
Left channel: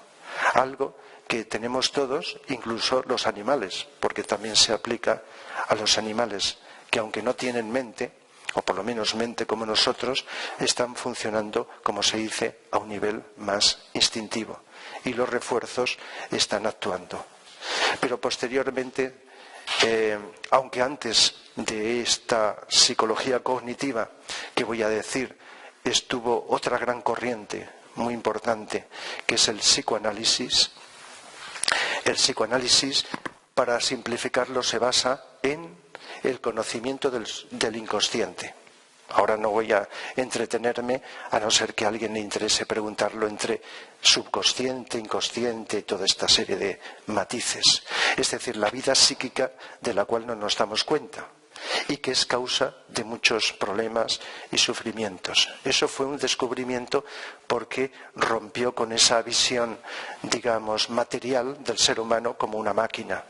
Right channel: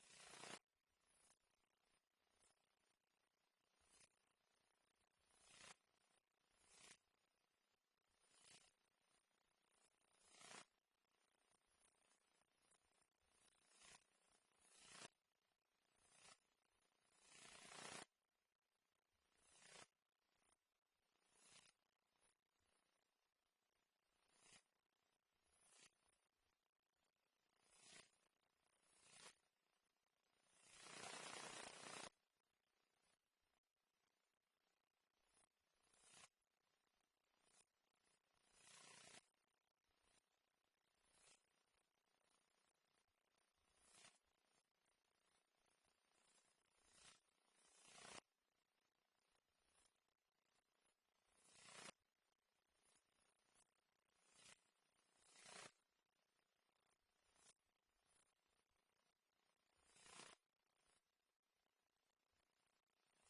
Algo que tenemos todos, incluso los animales, porque también se aplica a los animales que, aunque no tienen mente, o por lo menos mente como nosotros, están funcionando, como se dice, a un nivel más instintivo. Y los refuerzos están actuando. Pero posteriormente, aunque antes de esta psicología cognitiva que voy a decir, estuvo otra gran corriente muy importante, que es el psicoanálisis. El psicoanálisis, para simplificarlo, se basa en el conocimiento del inconsciente. Ahora no voy a entretenerme, a no ser que a alguien le interese preguntarlo entre subconsciente, inconsciente, toda esta serie de matices. Es decir, la vida psíquica de la cual no nos damos cuenta y que es causa de muchos problemas y sufrimientos. Eso fue un descubrimiento porque rompió con esa visión, digamos, material del ser humano como una máquina.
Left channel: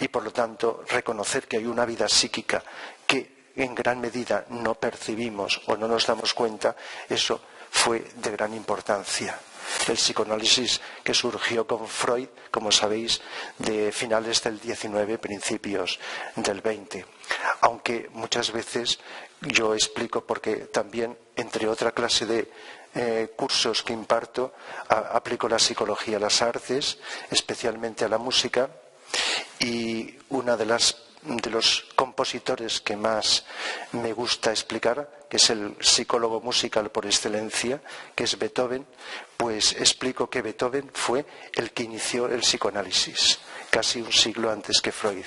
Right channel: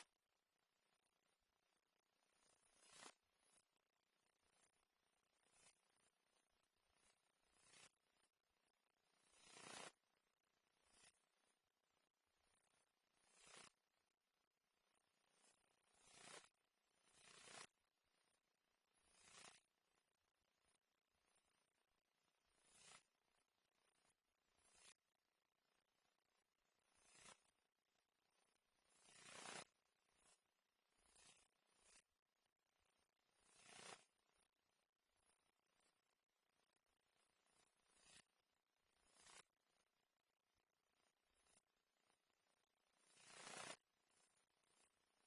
Y por lo tanto, reconocer que hay una vida psíquica que en gran medida no percibimos o no nos damos cuenta, eso fue de gran importancia. El psicoanálisis que surgió con Freud, como sabéis, de finales del 19, principios del 20. Aunque muchas veces yo explico, porque también, entre otra clase de cursos que imparto, aplico la psicología a las artes, especialmente a la música, y una de los compositores que más me gusta explicar, que es el psicólogo musical por excelencia, que es Beethoven, pues explico que Beethoven fue el que inició el psicoanálisis, casi un siglo antes que Freud.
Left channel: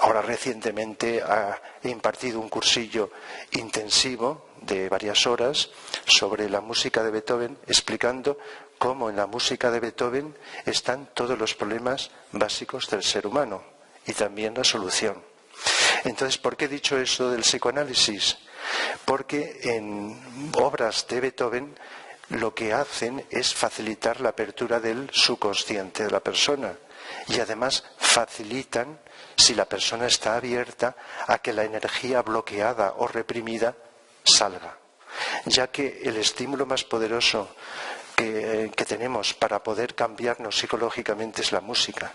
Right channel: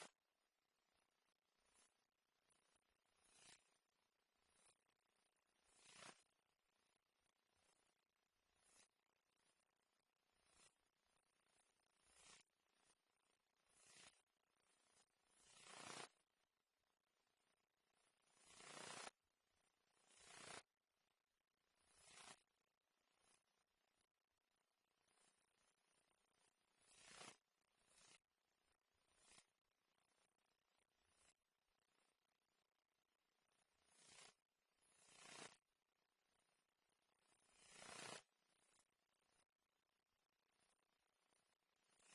Ahora recientemente he impartido un cursillo intensivo de varias horas sobre la música de Beethoven, explicando cómo en la música de Beethoven están todos los problemas básicos del ser humano y también la solución. Entonces, ¿por qué he dicho eso del psicoanálisis? Porque en obras de Beethoven lo que hacen es facilitar la apertura del subconsciente de la persona y además facilitan, si la persona está abierta, a que la energía bloqueada o reprimida salga, ya que el estímulo más poderoso que tenemos para poder cambiarnos psicológicamente es la música.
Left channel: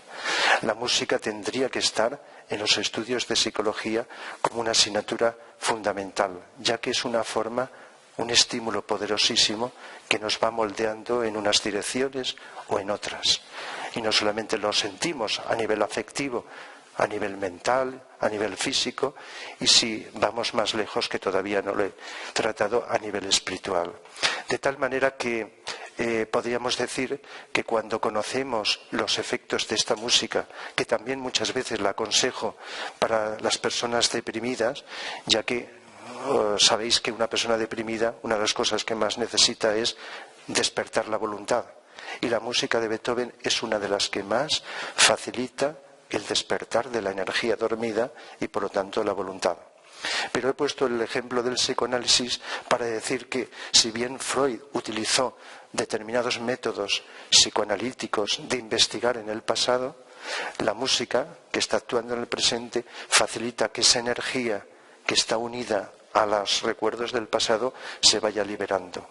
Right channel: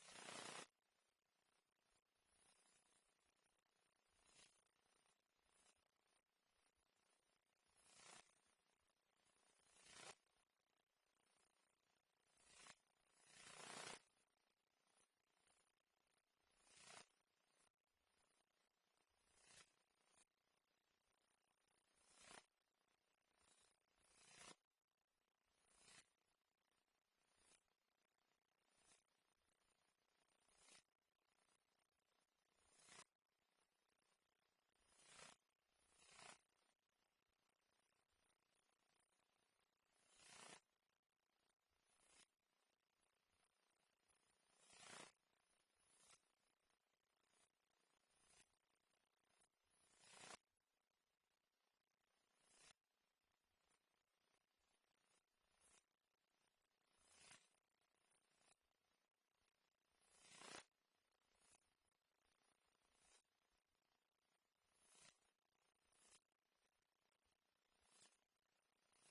La música tendría que estar en los estudios de psicología como una asignatura fundamental, ya que es una forma, un estímulo poderosísimo que nos va moldeando en unas direcciones o en otras. Y no solamente lo sentimos a nivel afectivo, a nivel mental, a nivel físico, y si vamos más lejos, que todavía no lo he tratado, a nivel espiritual. De tal manera que podríamos decir que cuando conocemos los efectos de esta música, que también muchas veces la aconsejo para las personas deprimidas, ya que sabéis que una persona deprimida, una de las cosas que más necesita es despertar la voluntad. Y la música de Beethoven es una de las que más facilita el despertar de la energía dormida y por lo tanto la voluntad. Pero he puesto el ejemplo del psicoanálisis para decir que si bien Freud utilizó determinados métodos psicoanalíticos de investigar en el pasado, la música que está actuando en el presente facilita que esa energía que está unida a los recuerdos del pasado se vaya liberando.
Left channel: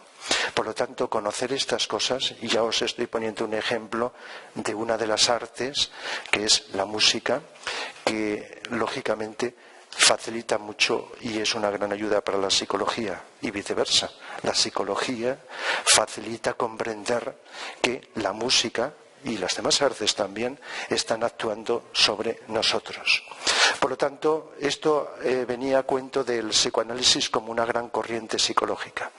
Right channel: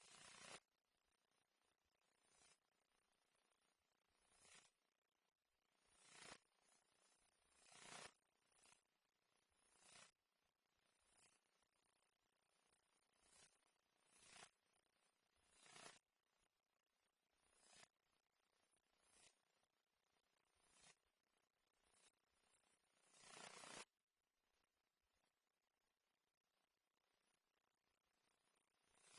Por lo tanto, conocer estas cosas, y ya os estoy poniendo un ejemplo de una de las artes, que es la música, que lógicamente facilita mucho y es una gran ayuda para la psicología, y viceversa. La psicología facilita comprender que la música y las demás artes también están actuando sobre nosotros. Por lo tanto, esto venía a cuento del psicoanálisis como una gran corriente psicológica.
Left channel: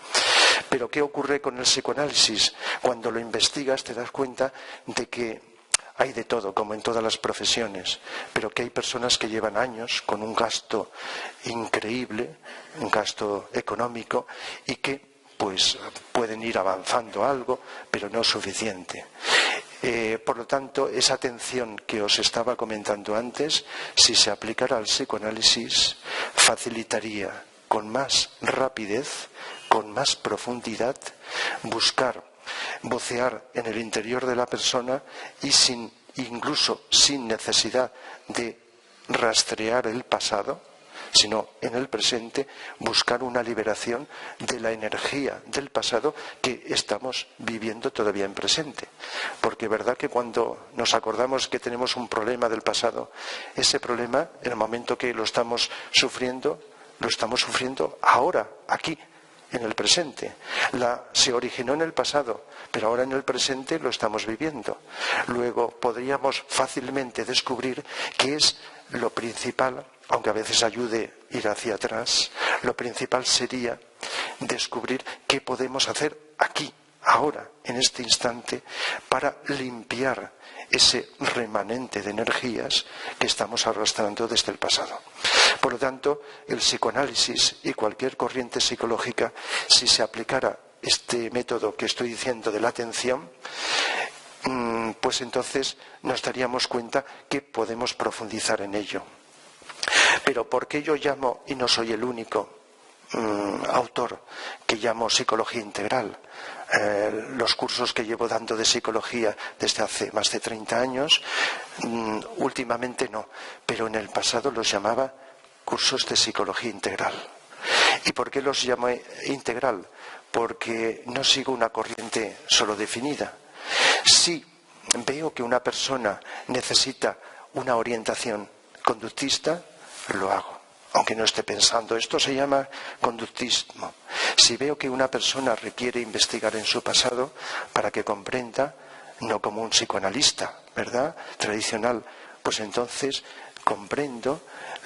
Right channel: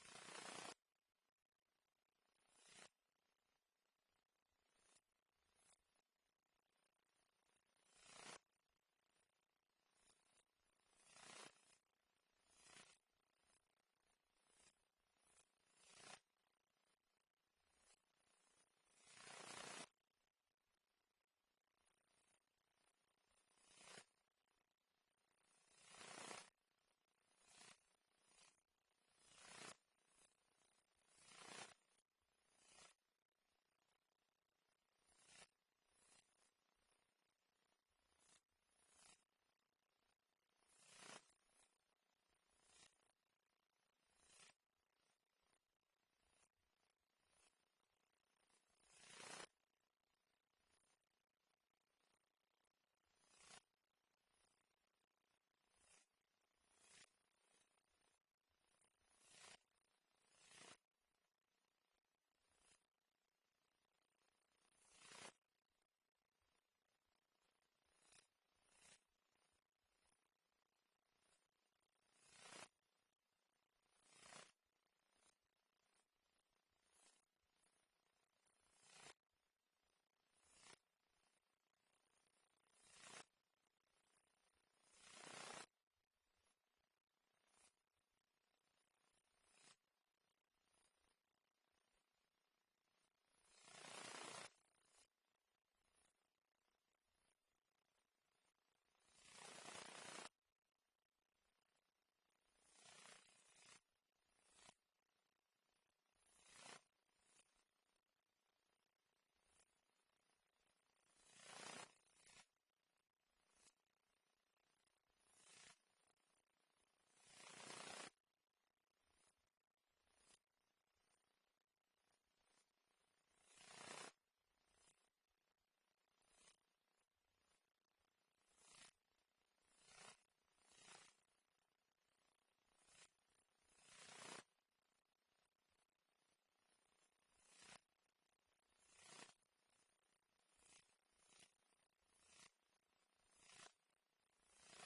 Pero ¿qué ocurre con el psicoanálisis? Cuando lo investigas te das cuenta de que hay de todo, como en todas las profesiones, pero que hay personas que llevan años con un gasto increíble, un gasto económico, y que pues pueden ir avanzando algo, pero no suficiente. Por lo tanto, esa atención que os estaba comentando antes, si se aplicara al psicoanálisis, facilitaría con más rapidez, con más profundidad, buscar, vocear en el interior de la persona y incluso sin necesidad de rastrear el pasado, sino en el presente, buscar una liberación de la energía del pasado que estamos viviendo todavía en presente. Porque verdad que cuando nos acordamos que tenemos un problema del pasado, ese problema, en el momento que lo estamos sufriendo ahora, aquí, en el presente. Se originó en el pasado, pero ahora en el presente lo estamos viviendo. Luego podríamos fácilmente descubrir qué es lo principal, aunque a veces ayude ir hacia atrás, lo principal sería descubrir qué podemos hacer aquí, ahora, en este instante, para limpiar ese remanente de energías que estamos arrastrando desde el pasado. Por lo tanto, el psicoanálisis y cualquier corriente psicológica, si se aplicara este método que estoy diciendo de la atención, pues entonces nos daríamos cuenta que podemos profundizar en ello. Pero ¿por qué yo llamo, y no soy el único autor que llamo psicología integral? Los cursos que llevo dando de psicología desde hace más de 30 años, últimamente no, pero en el pasado los llamaba cursos de psicología integral. ¿Y por qué los llamo integral? Porque no sigo una corriente solo definida. Si veo que una persona necesita una orientación conductista, lo hago, aunque no esté pensando. Esto se llama conductismo. Si veo que una persona requiere investigar en su pasado para que comprenda, no como un psicoanalista, ¿verdad?, tradicional, pues entonces comprendo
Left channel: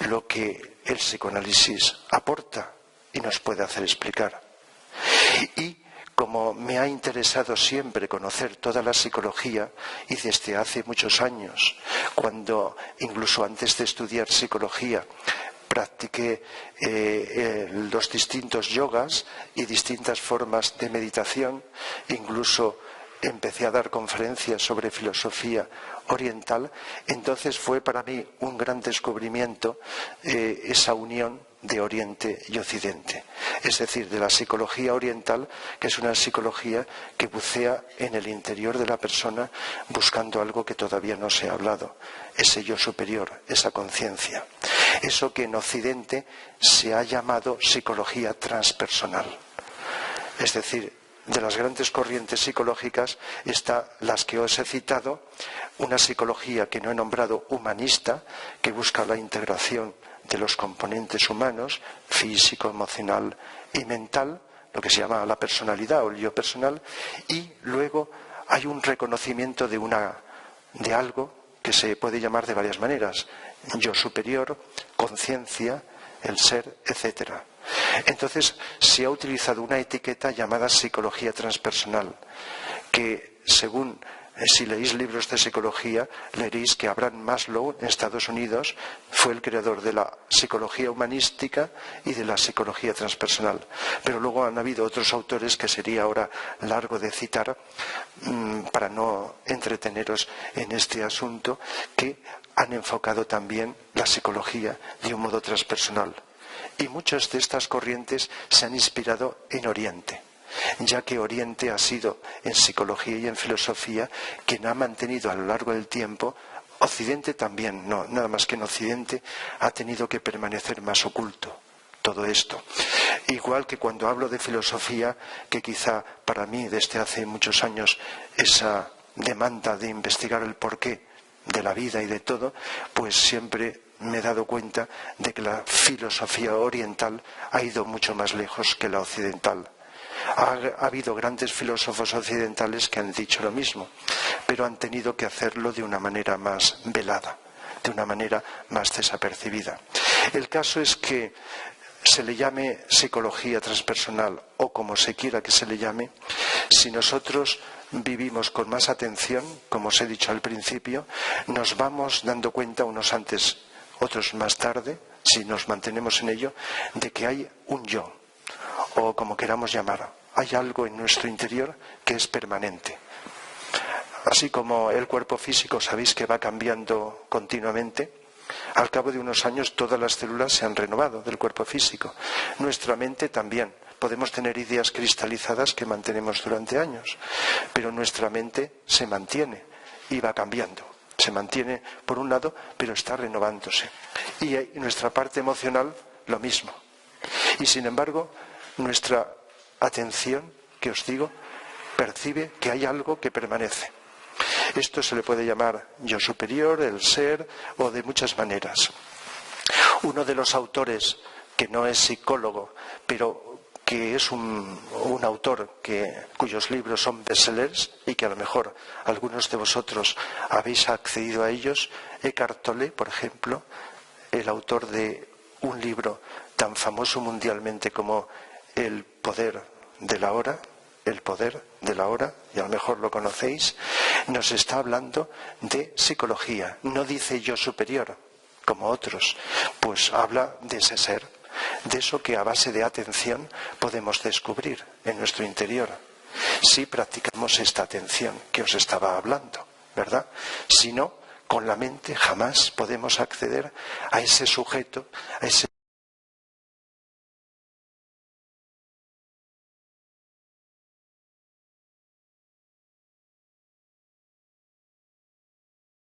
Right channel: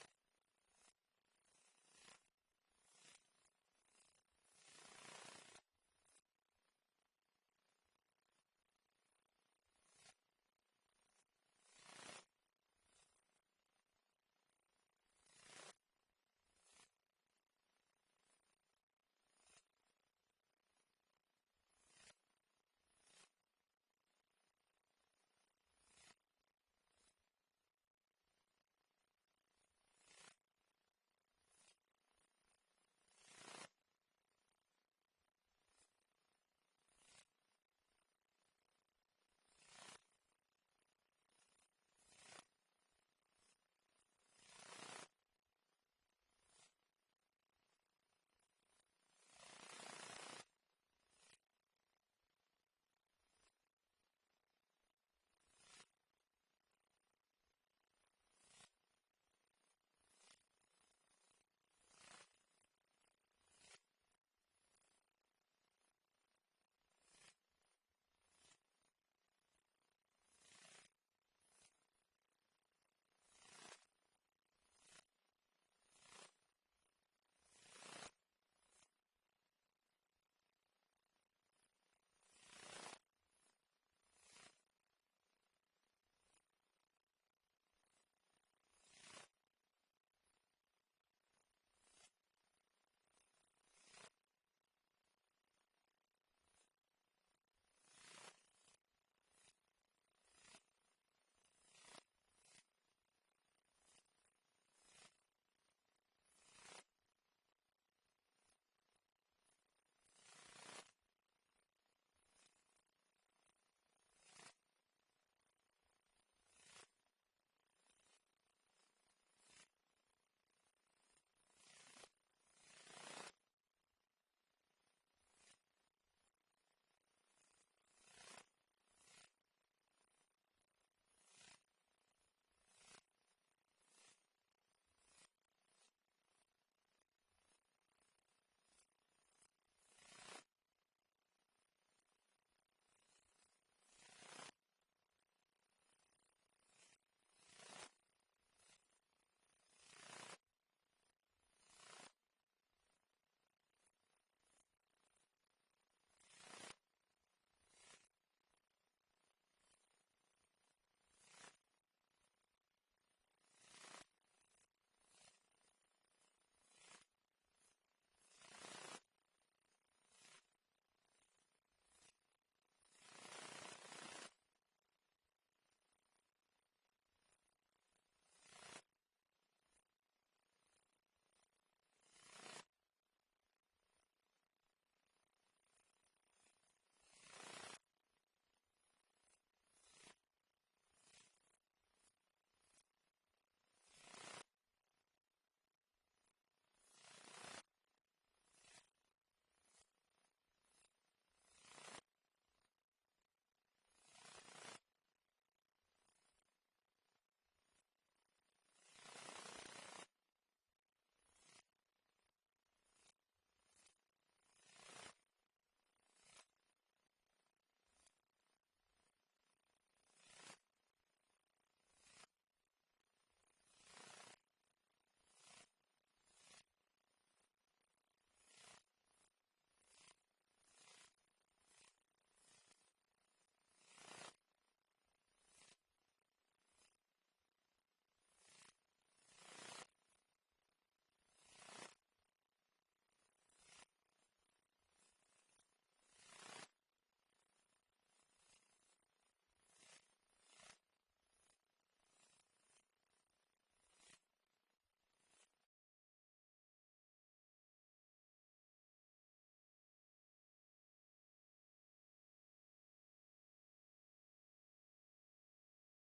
lo que el psicoanálisis aporta y nos puede hacer explicar. Y como me ha interesado siempre conocer toda la psicología, y desde hace muchos años, cuando incluso antes de estudiar psicología practiqué los distintos yogas y distintas formas de meditación, incluso empecé a dar conferencias sobre filosofía oriental, entonces fue para mí un gran descubrimiento esa unión de Oriente y Occidente, es decir, de la psicología oriental, que es una psicología que bucea en el interior de la persona buscando algo que todavía no se ha hablado, ese yo superior, esa conciencia. Eso que en Occidente se ha llamado psicología transpersonal. Es decir, de las grandes corrientes psicológicas están las que os he citado, una psicología que no he nombrado humanista, que busca la integración de los componentes humanos, físico, emocional y mental, lo que se llama la personalidad o el yo personal, y luego hay un reconocimiento de algo que se puede llamar de varias maneras: yo superior, conciencia, el ser, etcétera. Entonces se ha utilizado una etiqueta llamada psicología transpersonal, que según si leéis libros de psicología, leeréis que Abraham Maslow en Estados Unidos fue el creador de la psicología humanística y de la psicología transpersonal. Pero luego han habido otros autores que sería ahora largo de citar para no entreteneros en este asunto, que han enfocado también la psicología de un modo transpersonal. Y muchas de estas corrientes se han inspirado en Oriente, ya que Oriente ha sido en psicología y en filosofía quien ha mantenido a lo largo del tiempo. Occidente también, no, nada más que en Occidente ha tenido que permanecer más oculto todo esto. Igual que cuando hablo de filosofía, que quizá para mí desde hace muchos años esa demanda de investigar el porqué de la vida y de todo, pues siempre me he dado cuenta de que la filosofía oriental ha ido mucho más lejos que la occidental. Ha habido grandes filósofos occidentales que han dicho lo mismo, pero han tenido que hacerlo de una manera más velada, de una manera más desapercibida. El caso es que se le llame psicología transpersonal o como se quiera que se le llame, si nosotros vivimos con más atención, como os he dicho al principio, nos vamos dando cuenta, unos antes, otros más tarde, si nos mantenemos en ello, de que hay un yo, o como queramos llamar, hay algo en nuestro interior que es permanente. Así como el cuerpo físico, sabéis que va cambiando continuamente, al cabo de unos años todas las células se han renovado del cuerpo físico. Nuestra mente también. Podemos tener ideas cristalizadas que mantenemos durante años, pero nuestra mente se mantiene y va cambiando. Se mantiene por un lado, pero está renovándose. Y nuestra parte emocional, lo mismo. Y sin embargo, nuestra atención, que os digo, percibe que hay algo que permanece. Esto se le puede llamar yo superior, el ser, o de muchas maneras. Uno de los autores, que no es psicólogo, pero que es un autor cuyos libros son bestsellers y que a lo mejor algunos de vosotros habéis accedido a ellos, Eckhart Tolle, por ejemplo, el autor de un libro tan famoso mundialmente como El poder de la hora, El poder de la hora, y a lo mejor lo conocéis, nos está hablando de psicología. No dice yo superior, como otros, pues habla de ese ser, de eso que a base de atención podemos descubrir en nuestro interior. Si practicamos esta atención que os estaba hablando, ¿verdad? Si no, con la mente jamás podemos acceder a ese sujeto, a ese